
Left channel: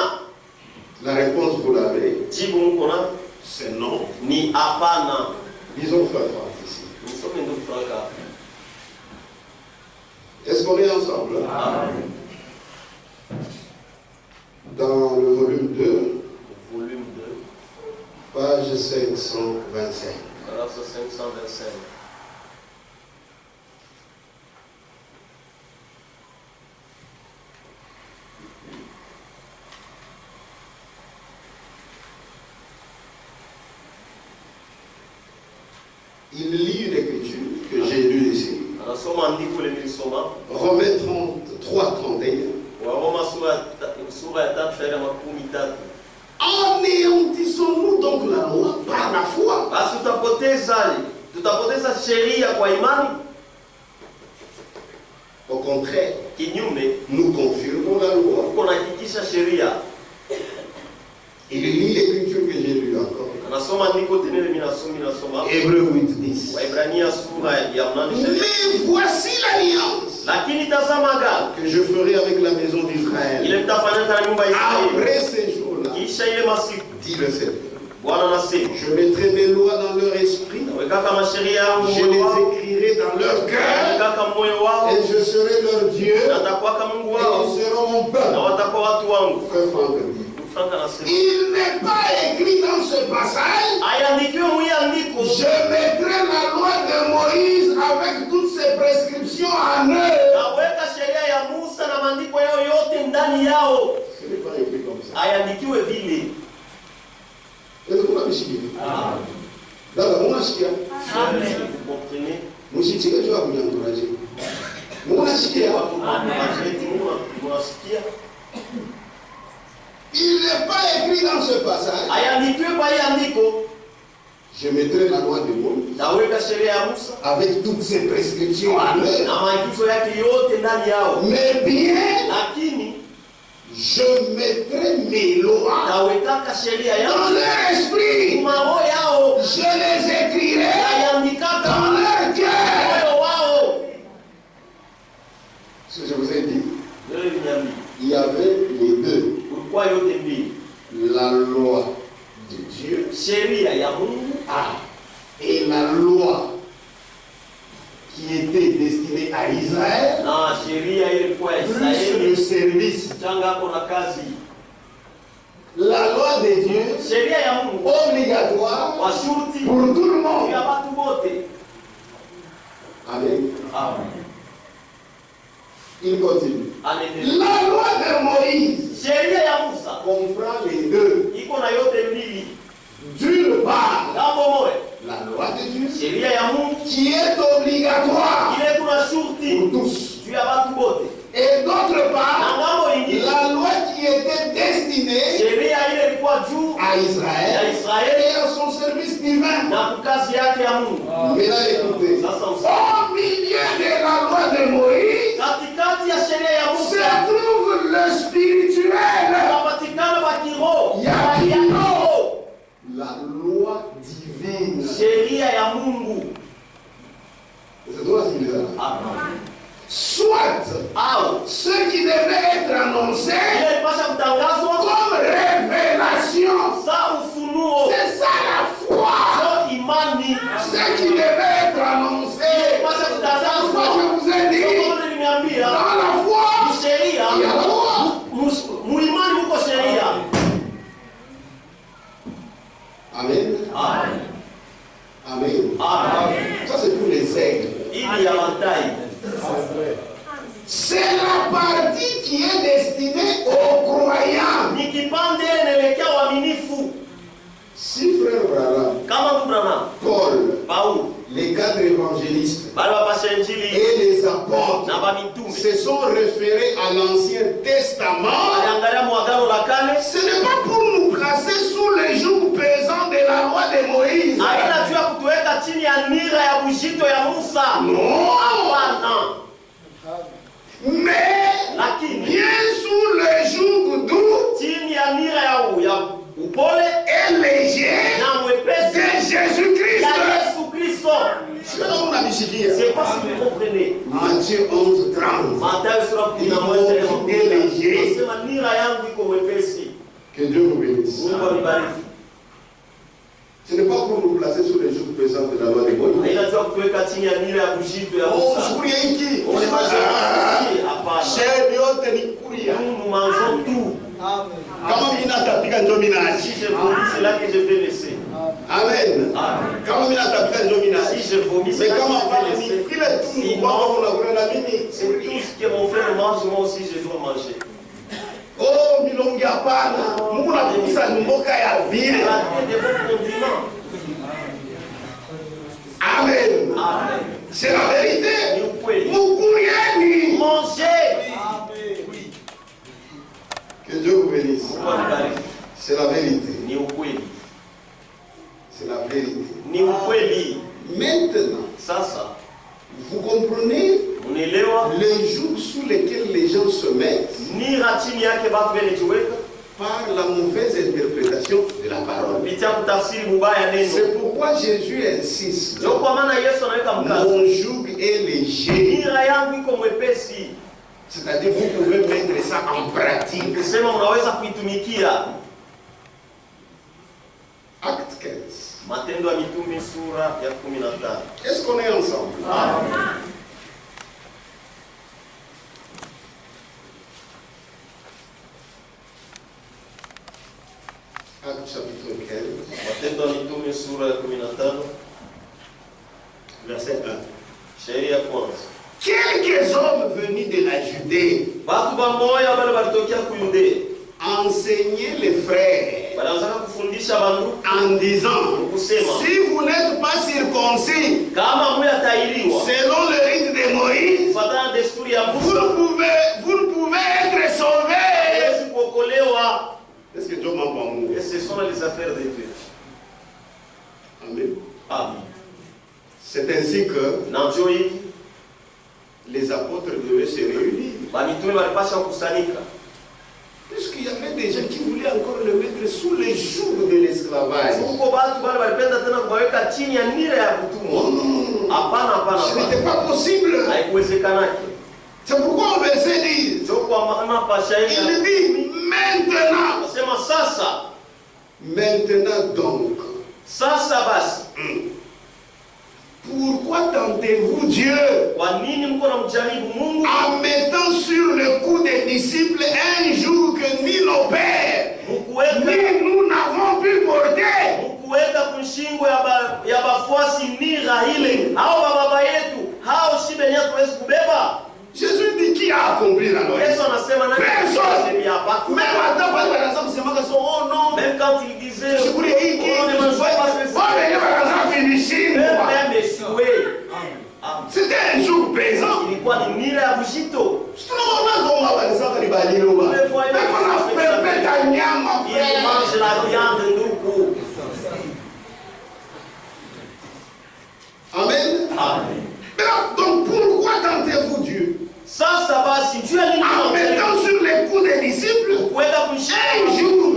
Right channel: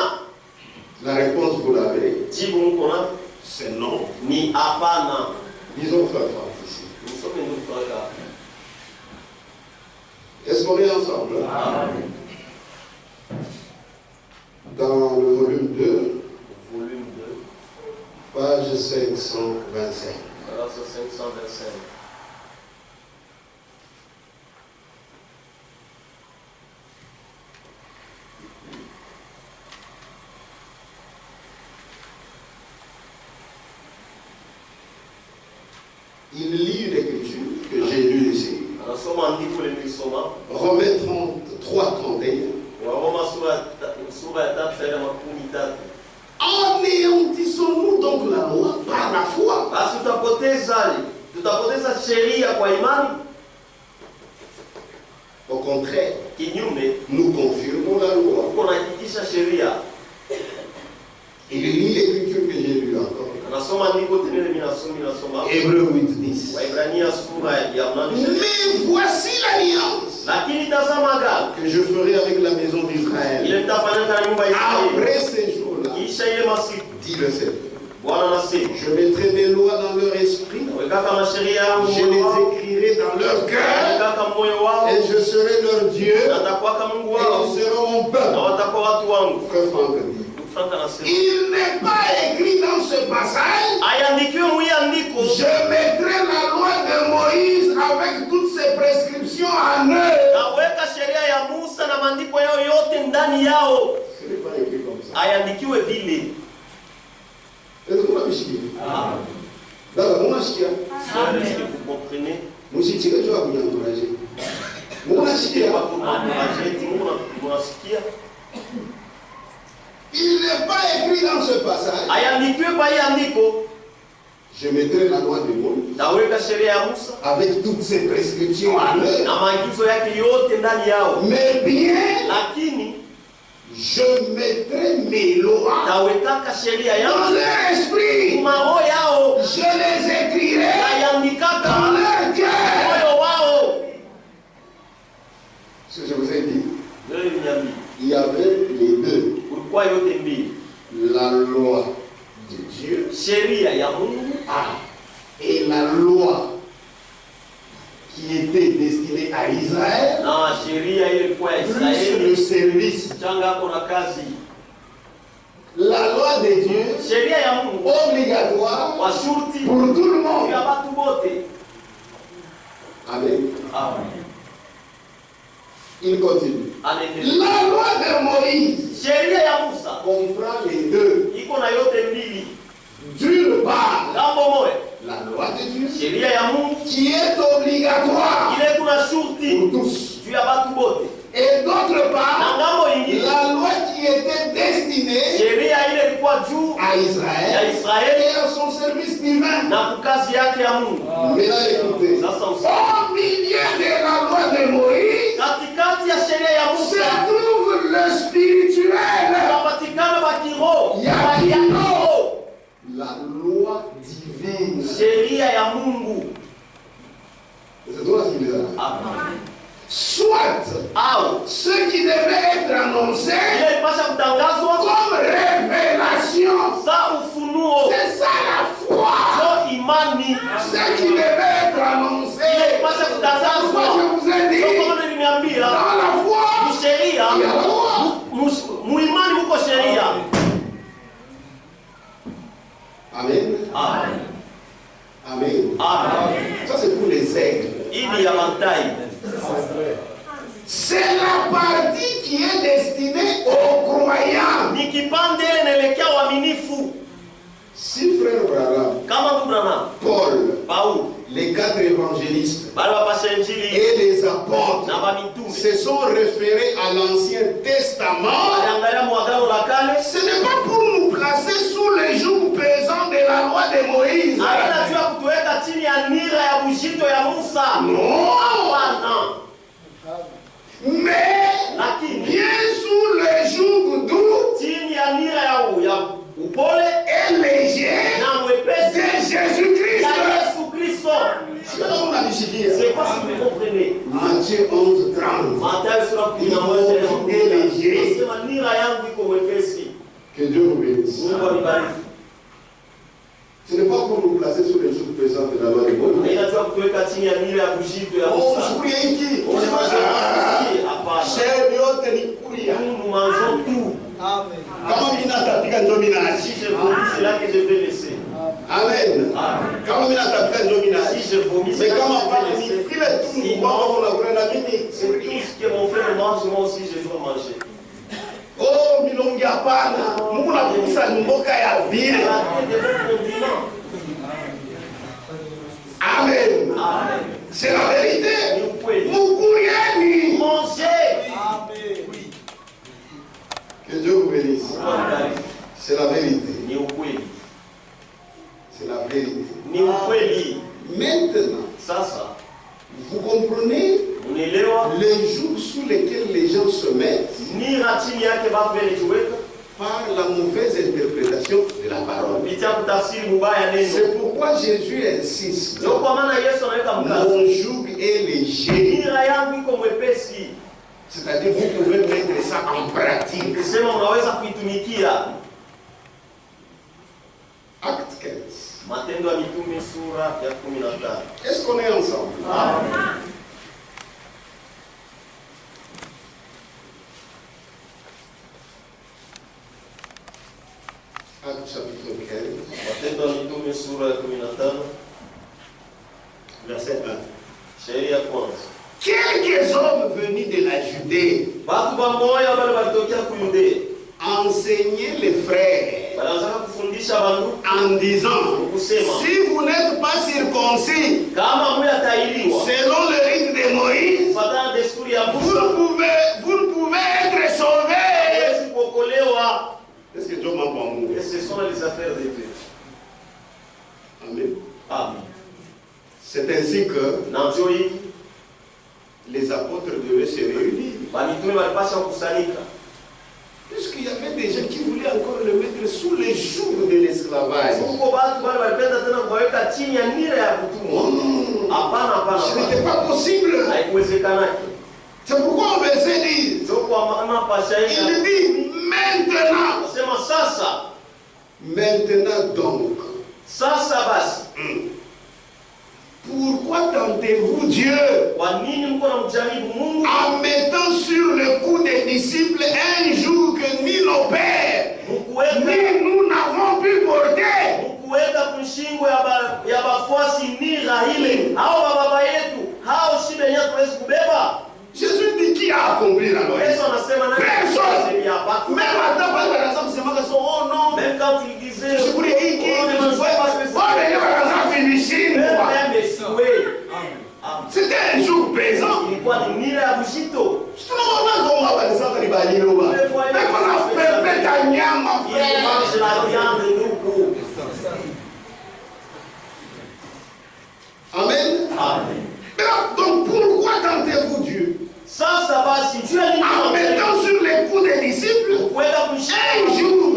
La réponse, vous l'avez. Jibu mko na C'est non. ni hapana. Disons frère Franck ici. Msome ndugu Franka. Est-ce qu'on est ensemble? Dans le volume 2, Volume 2, page 525. alors 525. Il lit une écriture que j'ai lue ici. Anasoma andiko ile nilisoma. Romains 33:31. Waroma sura ya 3:13. Anéantissons-nous donc la loi par la foi? Basi tutapoteza sheria kwa imani? Au contraire, Kinyume, nous confirmons la loi. uko nahakikisha sheria. Il lit l'écriture que j'ai lue encore. Anasoma andiko tena mimi nasoma. Hébreux 8:10. Waebrania sura ya 8. Mais voici l'alliance Lakini tazama agano que je ferai avec la maison d'Israël ile mtafanyika na nyumba ya Israeli. après ces jours-là, Kisha ile masiku dit le Seigneur. Bwana anasema, Je mettrai mes lois dans leur esprit, weka masheria yangu je moyo les wao, écrirai dans leur cœur, weka moyo wao, et je serai leur Dieu, na atakuwa kama Mungu et wao, ils seront mon na peuple. watakuwa watu wangu. Frère Franck dit. Franka anasema, Il n'est pas écrit dans ce passage, aiandikiwe mwi andiko, je mettrai la loi de Moïse avec toutes ses prescriptions en eux. naweka sheria ya Musa na maandiko yao yote ndani yao. Ce n'est pas écrit comme ça. Aiandikiwe vile. Est-ce que vous m'avez chiqué? Là, mon chiqué. Vous comprenez? Mon chiqué, tu vas vous encourager. Mon chiqué. Munasikia? Il n'est pas écrit dans ce passage. Aiandikiwe kwa hii andiko, Je mettrai la loi de Moïse naweka sheria ya Musa avec toutes ses prescriptions en eux. na maagizo yake yote ndani yao. Mais bien, Lakini je mettrai mes lois nawekaka sheria dans yao leur esprit. mao yao, Je les écrirai naiandikaka dans leur cœur. moyo wao. Ce que je vous ai dit, Wewe niambie, il y avait les deux. ulikuwa yote mbili, La loi de Dieu sheria ya Mungu et la loi qui était destiné à Israël, na sheria ile ilikuwa ya plus le Israeli service. changa hapo na kazi. La loi de Dieu, Sheria ya Mungu obligatoire kwa shurti pour tout le monde. ya watu wote. Amen. Amen. Il continue. Anaendelea. La loi de Moïse Sheria ya Musa comprend les deux. iko na yote mbili. D'une part, Ngambo moja la loi de Dieu sheria ya Mungu qui est obligatoire ile kuna shurti pour tous. juu ya watu wote, Et d'autre na part, ngambo ingine la loi qui était destinée sheria ile ilikuwa juu à ya Israël Israeli et à son service divin. na kukazi yake ya Mungu. Maintenant écoutez, Sasa au milieu de la loi de Moïse katikati ya sheria ya se Musa trouve le spirituel, kunapatikana wa kiroho Ya ya kiroho, la loi divine. sheria ya Mungu. C'est toi ce qu'il est là. Amen. Soit Au ce qui devait être annoncé ile ilipasha kutangazwa comme révélation, za ufunuo, c'est ça la foi. zo imani. Ce qui devait être annoncé, Ile ilipasha moi kutangazwa je vous ai zo dit, kama niliambia, dans la foi, ni sheria, il y a la loi. muimani muko sheria. Amen. Amen. Amen. Amen. Ça c'est pour les aigles. Ili ya mantai. C'est la partie qui est destinée aux croyants. Ni kipande ile inaelekea uaminifu. Si frère Branham, Kama ndugu Branham, Paul, Paulo, les 4 évangélistes bali wapasha injili et les apôtres na bamitume se sont référés à l'Ancien Testament, waliangalia mwagano la kale, ce n'est pas pour nous placer sous le joug pesant de la loi de Moïse. haina juu ya kutuweka chini ya nira ya bujito ya Musa. Non, Hapana, mais lakini bien sous le joug doux chini ya nira ya upole et léger na mwepesi de Jésus-Christ. ya Yesu Kristo. C'est pas si vous comprenez. Matthieu 11, 30. Mathayo sura 11 anasema nira yangu iko mwepesi. Que Dieu vous bénisse. Mungu anibariki. Ce n'est pas pour nous placer sous le joug pesant de la loi de Moïse. Haina juu ya kutuweka chini ya nira ya bujito ya Musa. Mshukuria hiki. Hapana. Shehe yote ni kuria. Nous mangeons tout. Kama mimi natapika ndio mimi Si naachi. je vomis, c'est là que je vais laisser. Amen. Amen. Kama mimi natapika ndio mimi naachi. Si je vomis, c'est Mais là que kama je pale vais ni laisser. kile tu kwamba unakula na mimi C'est tout ce que mon frère mange, moi aussi je dois manger. oh milongi hapana. Mungu nakukusa mboka ya bien. Il y a des bons condiments. Amen. Amen. C'est la vérité. Ni ukweli. Mukurieni. Manger. Que Dieu vous bénisse. Mungu anibariki. C'est la vérité. Ni ukweli. C'est la vérité. Ni ukweli. Maintenant, Sasa vous comprenez unaelewa les jours sous lesquels les gens se mettent nira chini yake watu wanajiweka par la mauvaise interprétation de la parole. kupitia kutafsiri mubaya neno. C'est pourquoi Jésus insiste. Ndio kwa maana Yesu anaweka mkazo. Mon joug est léger. Nira yangu iko mwepesi. C'est-à-dire vous pouvez mettre ça en pratique. Ukisema unaweza kuitumikia. Acte 15. Matendo ya Mitume sura ya 15. Est-ce qu'on est ensemble? Acte chapitre 15, Matendo ya Mitume sura ya 15, verset 1. sheria ya kwanza. Quelques hommes venus de la Judée Watu bamoya wale walitokea ku Yudea. enseignaient les frères Walianza kufundisha bandu en disant, kusema si vous n'êtes pas circoncis kama muyatailiwa selon le rite de Moïse, kufuatana desturi ya vous Musa ne pouvez être sauvés. hawezi kuokolewa. Est-ce que Dieu m'a pas mou? Et ce sont les affaires de Dieu. Amen. Amen. C'est ainsi que Na ndio hivi les apôtres devaient se réunir. mitume walipasha kukusanyika. Puisqu'il y avait des gens qui voulaient encore le mettre sous le joug de l'esclavage. Huko watu wale walipenda tena kuwaweka chini ya nira ya kutumwa. Hapana, hapana. Ce n'était pas possible. Haikuwezekanaki. C'est pourquoi au verset 10, Ndio kwa maana pasha il dit maintenant. nasema sasa. Maintenant donc, Sasa basi pour pourquoi tentez-vous Dieu Kwa nini mko namjaribu Mungu? en mettant sur le cou des disciples un joug que ni nos pères, ni nous n'avons pu porter. Mkuweka kushingo ya bafuasi nira ile. Hao baba yetu, hao shibe yenyewe tuwezi kubeba. Jésus dit qui a accompli la loi? Yesu anasema nani? Personne. Même quand il disait c'était un jour pesant. ilikuwa ni nira ya bujito. Il mange la viande ndugu. Amen. Amen. Donc pourquoi tentez-vous Dieu? Sasa basi Dieu ni en mettant sur les coups des disciples un jour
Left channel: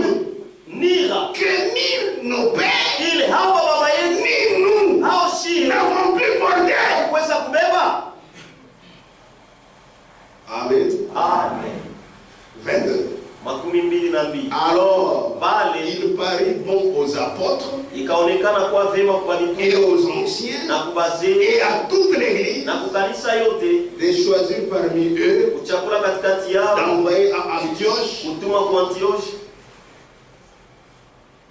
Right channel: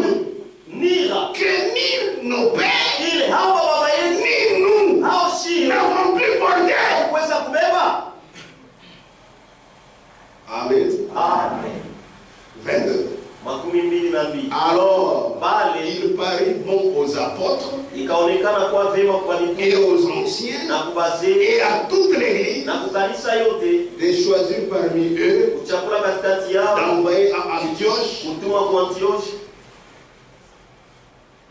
nira que ni nos pères ile hao baba yetu ni nous hao shi n'avons plus porté. kuweza kubeba. Amen. Amen. 22. Alors, il parut bon aux apôtres ikaonekana kwa vema kwa et aux anciens na kubazee et à toute l'église na kukanisa yote de choisir parmi eux kuchakula katikati yao d'envoyer à Antioche kutuma kwa Antioche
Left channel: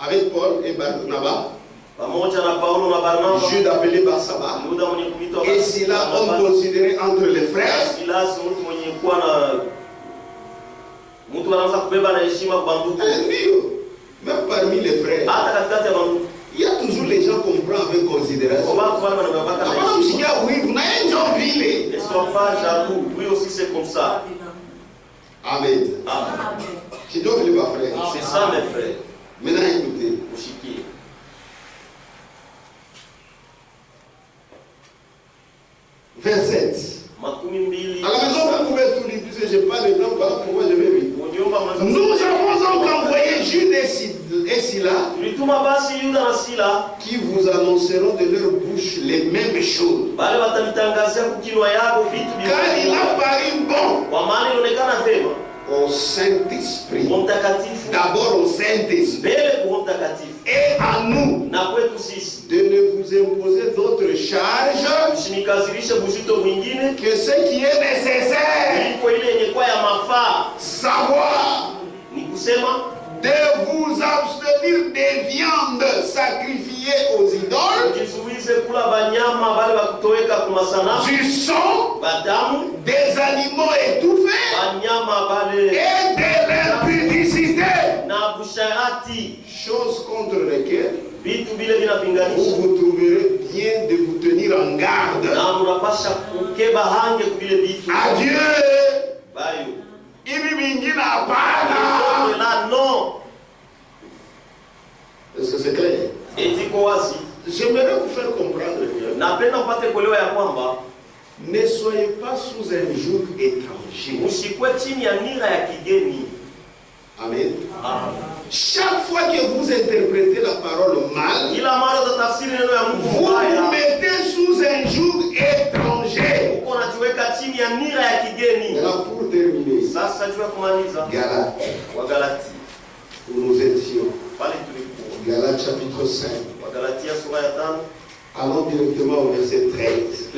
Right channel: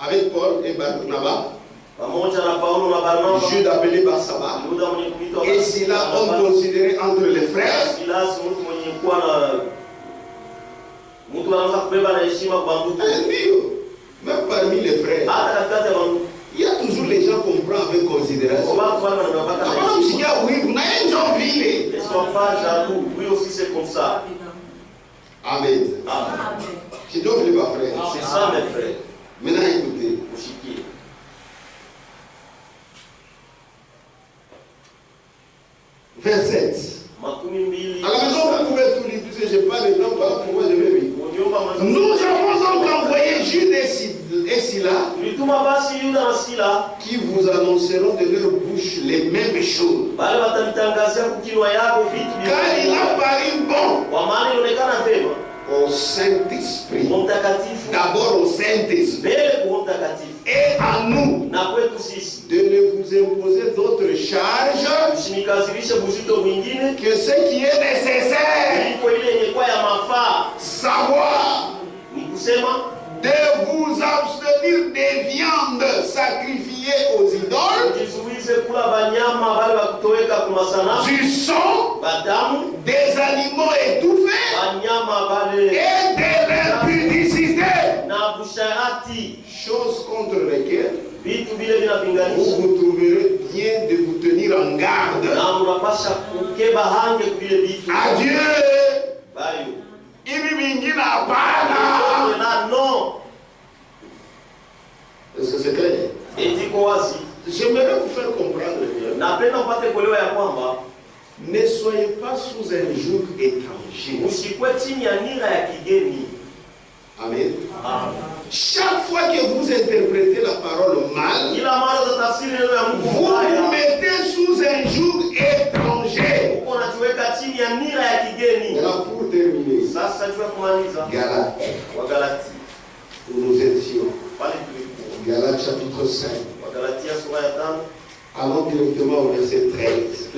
avec Paul et Barnabas, pamoja na Paulo na Barnaba, Jude appelé Barsaba, Yuda mwenye kuitwa et Silas, homme considéré entre les frères. Silas mtu mwenye kuwa na mtu anaanza kubeba na heshima kwa ndugu. Même parmi les frères, hata katikati ya ndugu il y a toujours les gens qu'on prend avec considération. Ne sois pas jaloux, lui aussi c'est comme ça. Amen. C'est ça mes frères. Maintenant écoutez. Verset 7. À la maison vous pouvez tout lire, puisque je n'ai pas le temps, voilà pourquoi je vais lire. Nous avons donc envoyé Jude et Silas qui vous annonceront de leur bouche les mêmes choses. Car il a paru bon au Saint-Esprit, d'abord au Saint-Esprit, et à nous de ne vous imposer d'autres charges que ce qui est nécessaire, savoir de vous abstenir des viandes sacrifiées aux idoles, du sang, des animaux étouffés et de l'impudicité, choses contre lesquelles vous vous trouverez bien de vous tenir en garde. Adieu. Est-ce que c'est clair? J'aimerais vous faire comprendre bien. Ne soyez pas sous un joug étranger. Amen. Chaque fois que vous interprétez la parole mal, vous vous mettez sous un joug étranger. Voilà pour terminer. Galates. Où nous étions. Galates chapitre 5. Allons directement au verset 13.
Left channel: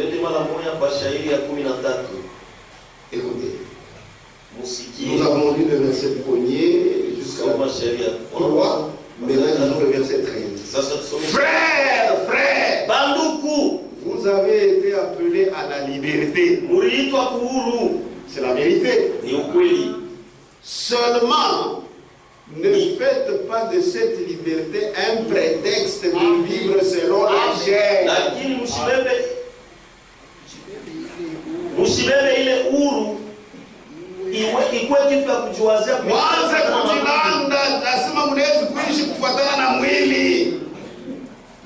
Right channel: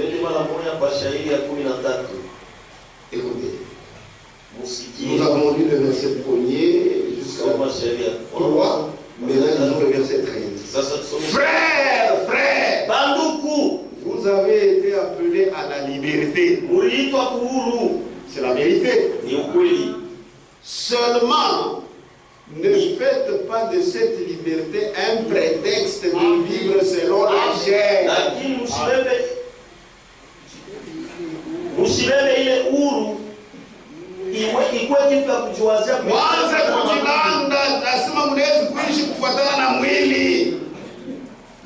Écoutez. Nous avons lu le verset 1er jusqu'à 3. Maintenant, nous le verset 13. Frères, vous avez été appelés à la liberté. C'est la vérité. Seulement, ne faites pas de cette liberté un prétexte de vivre selon la chair. Mwanze kujilanda, nasema mnaweza kuishi kufuatana na mwili.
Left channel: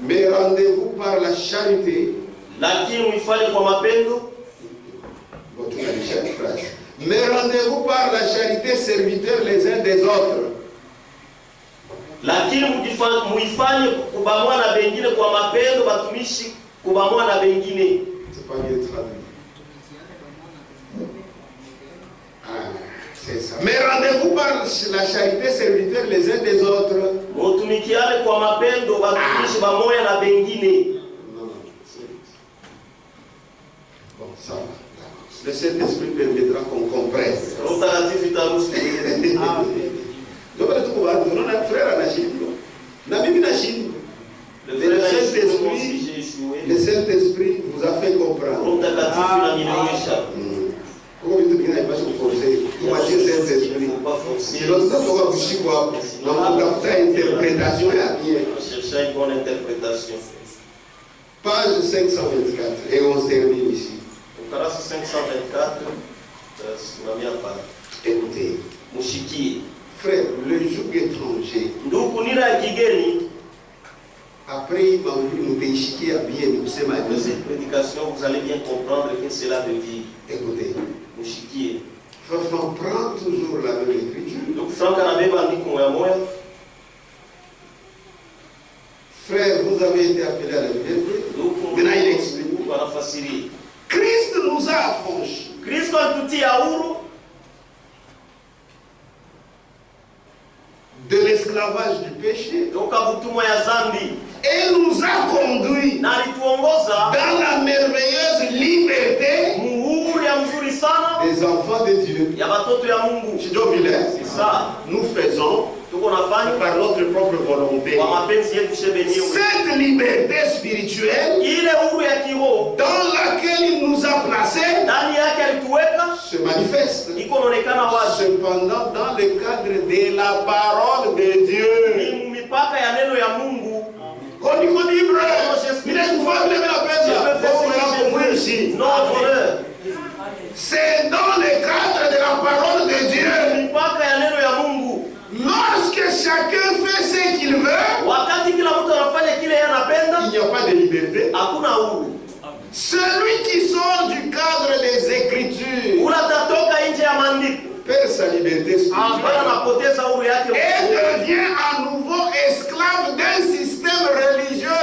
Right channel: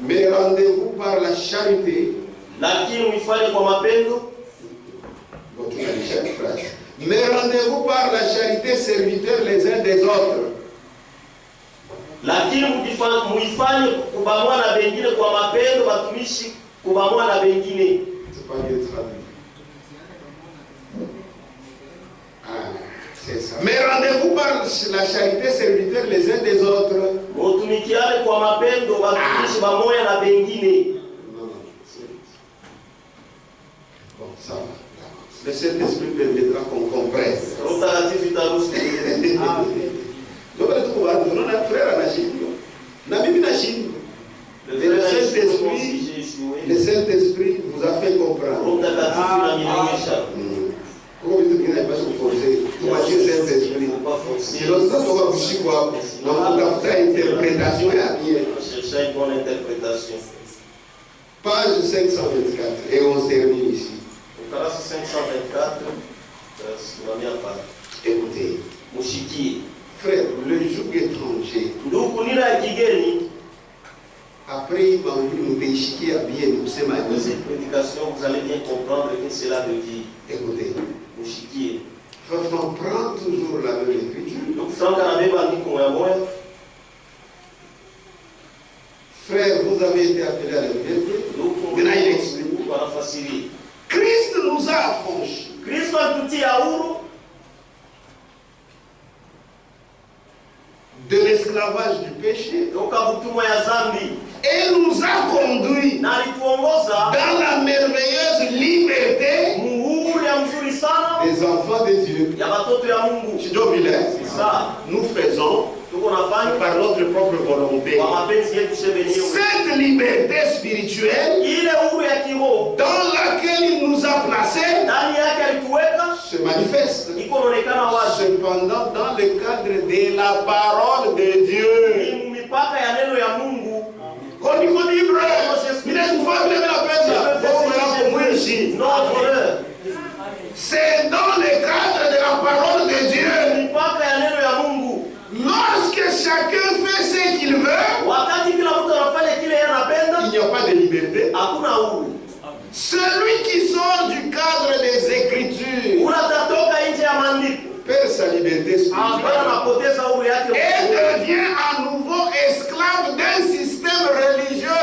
Mais rendez-vous par la charité. Mais rendez-vous par la charité, serviteurs les uns des autres. Lakini muifanye kubamwa na bengine kwa mapendo, batumishi kubamwa na bengine. C'est pas bien traduit. C'est ça. Mais rendez-vous par la charité, serviteurs les uns des autres. Mutumikiane kwa mapendo, batumishi bamoya na bengine. Ça va. Le Saint-Esprit permettra qu'on comprenne. Donc, le Saint-Esprit vous a fait comprendre. Comment vous ne pas se forcer? Vous voyez le Saint-Esprit. Sinon, ça va vous chier quoi? Donc, on a fait interprétation et à bien. Chercher une bonne interprétation. Page 524. Et on se termine ici. Au caractère 524, la mienne part. Écoutez. Mushiki. Frère, le joug étranger. Ndugu nira kigeni. Après, il m'a voulu nous déchiquer à bien nous c'est ma de cette prédication, vous allez bien comprendre que cela veut dire. Écoutez. Mushiki. Frère, on prend toujours la même écriture. Donc, Franck Anabé m'a dit qu'on est mort. Frère, vous avez été appelé à la liberté. Maintenant, il explique. Christ nous a affranchis. Christ alitutia huru de l'esclavage du péché. toka butumwa ya zambi. Et nous a conduits na alituongoza dans la merveilleuse liberté muhuri ya mzuri sana des enfants de Dieu. Ya batoto ya Mungu. C'est ça. Nous faisons par notre propre volonté. Cette liberté spirituelle dans laquelle il nous a placés se manifeste. Cependant, dans le cadre de la parole de Dieu. C'est dans le cadre de la parole de Dieu. Lorsque chacun fait ce qu'il veut, il n'y a pas de liberté. Celui qui sort du cadre des Écritures perd sa liberté spirituelle et devient à nouveau esclave d'un système religieux.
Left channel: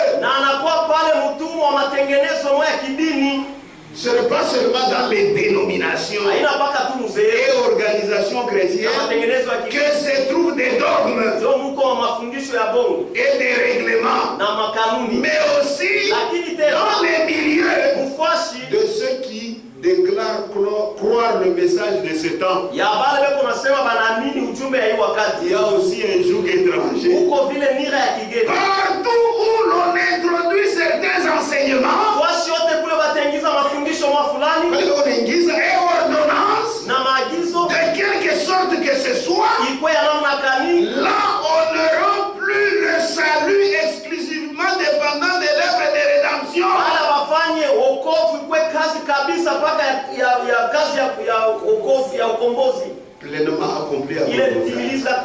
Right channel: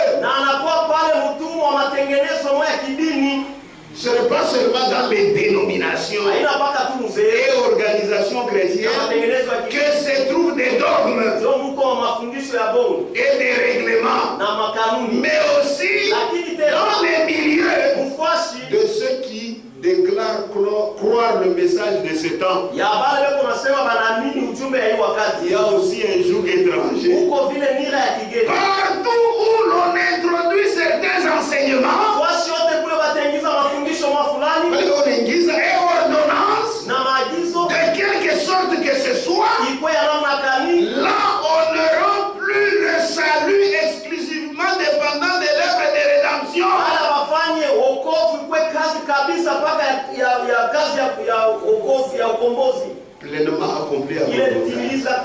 Ce n'est pas seulement dans les dénominations et organisations chrétiennes que se trouvent des dogmes et des règlements, mais aussi dans les milieux de ceux qui déclarent croire le message de ce temps. Il y a aussi un joug étranger. Partout où l'on introduit certains enseignements, et ordonnances de quelque sorte que ce soit, là on ne rend plus le salut exclusivement dépendant de l'œuvre de rédemption. Pleinement accompli à Golgotha.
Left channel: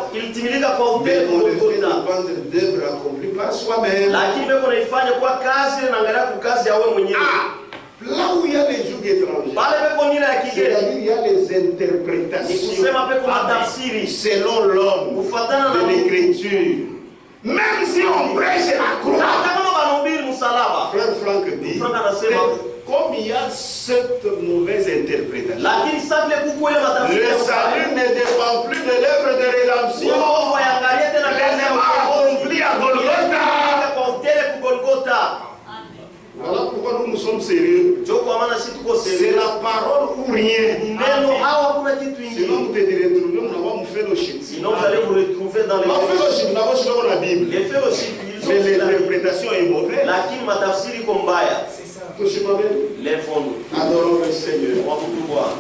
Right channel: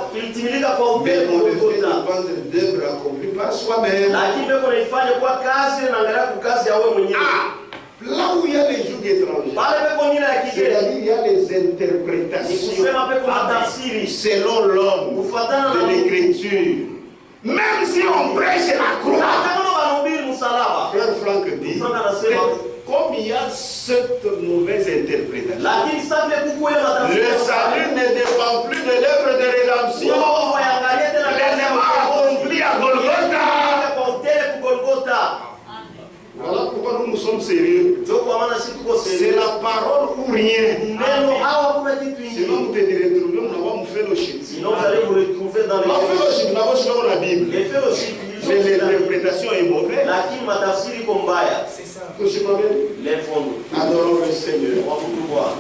Mais on le fait dépendre d'œuvres accomplies par soi-même. Là où il y a les jougs étrangers, c'est-à-dire il y a les interprétations selon l'homme de l'écriture. Même si on prêche la croix, frère Franck dit, comme il y a cette mauvaise interprétation, le salut ne dépend plus de l'œuvre de rédemption, pleinement accompli à Golgotha. Voilà pourquoi nous sommes sérieux. C'est la parole ou rien. Sinon vous te retrouvez, nous avons fait le fellowship. Sinon vous allez vous retrouver dans les fellowship. Nous avons sur la Bible. Les fellowship. Mais l'interprétation est mauvaise. C'est ça. Lèvons-nous. Adorons le Seigneur. On va vous voir.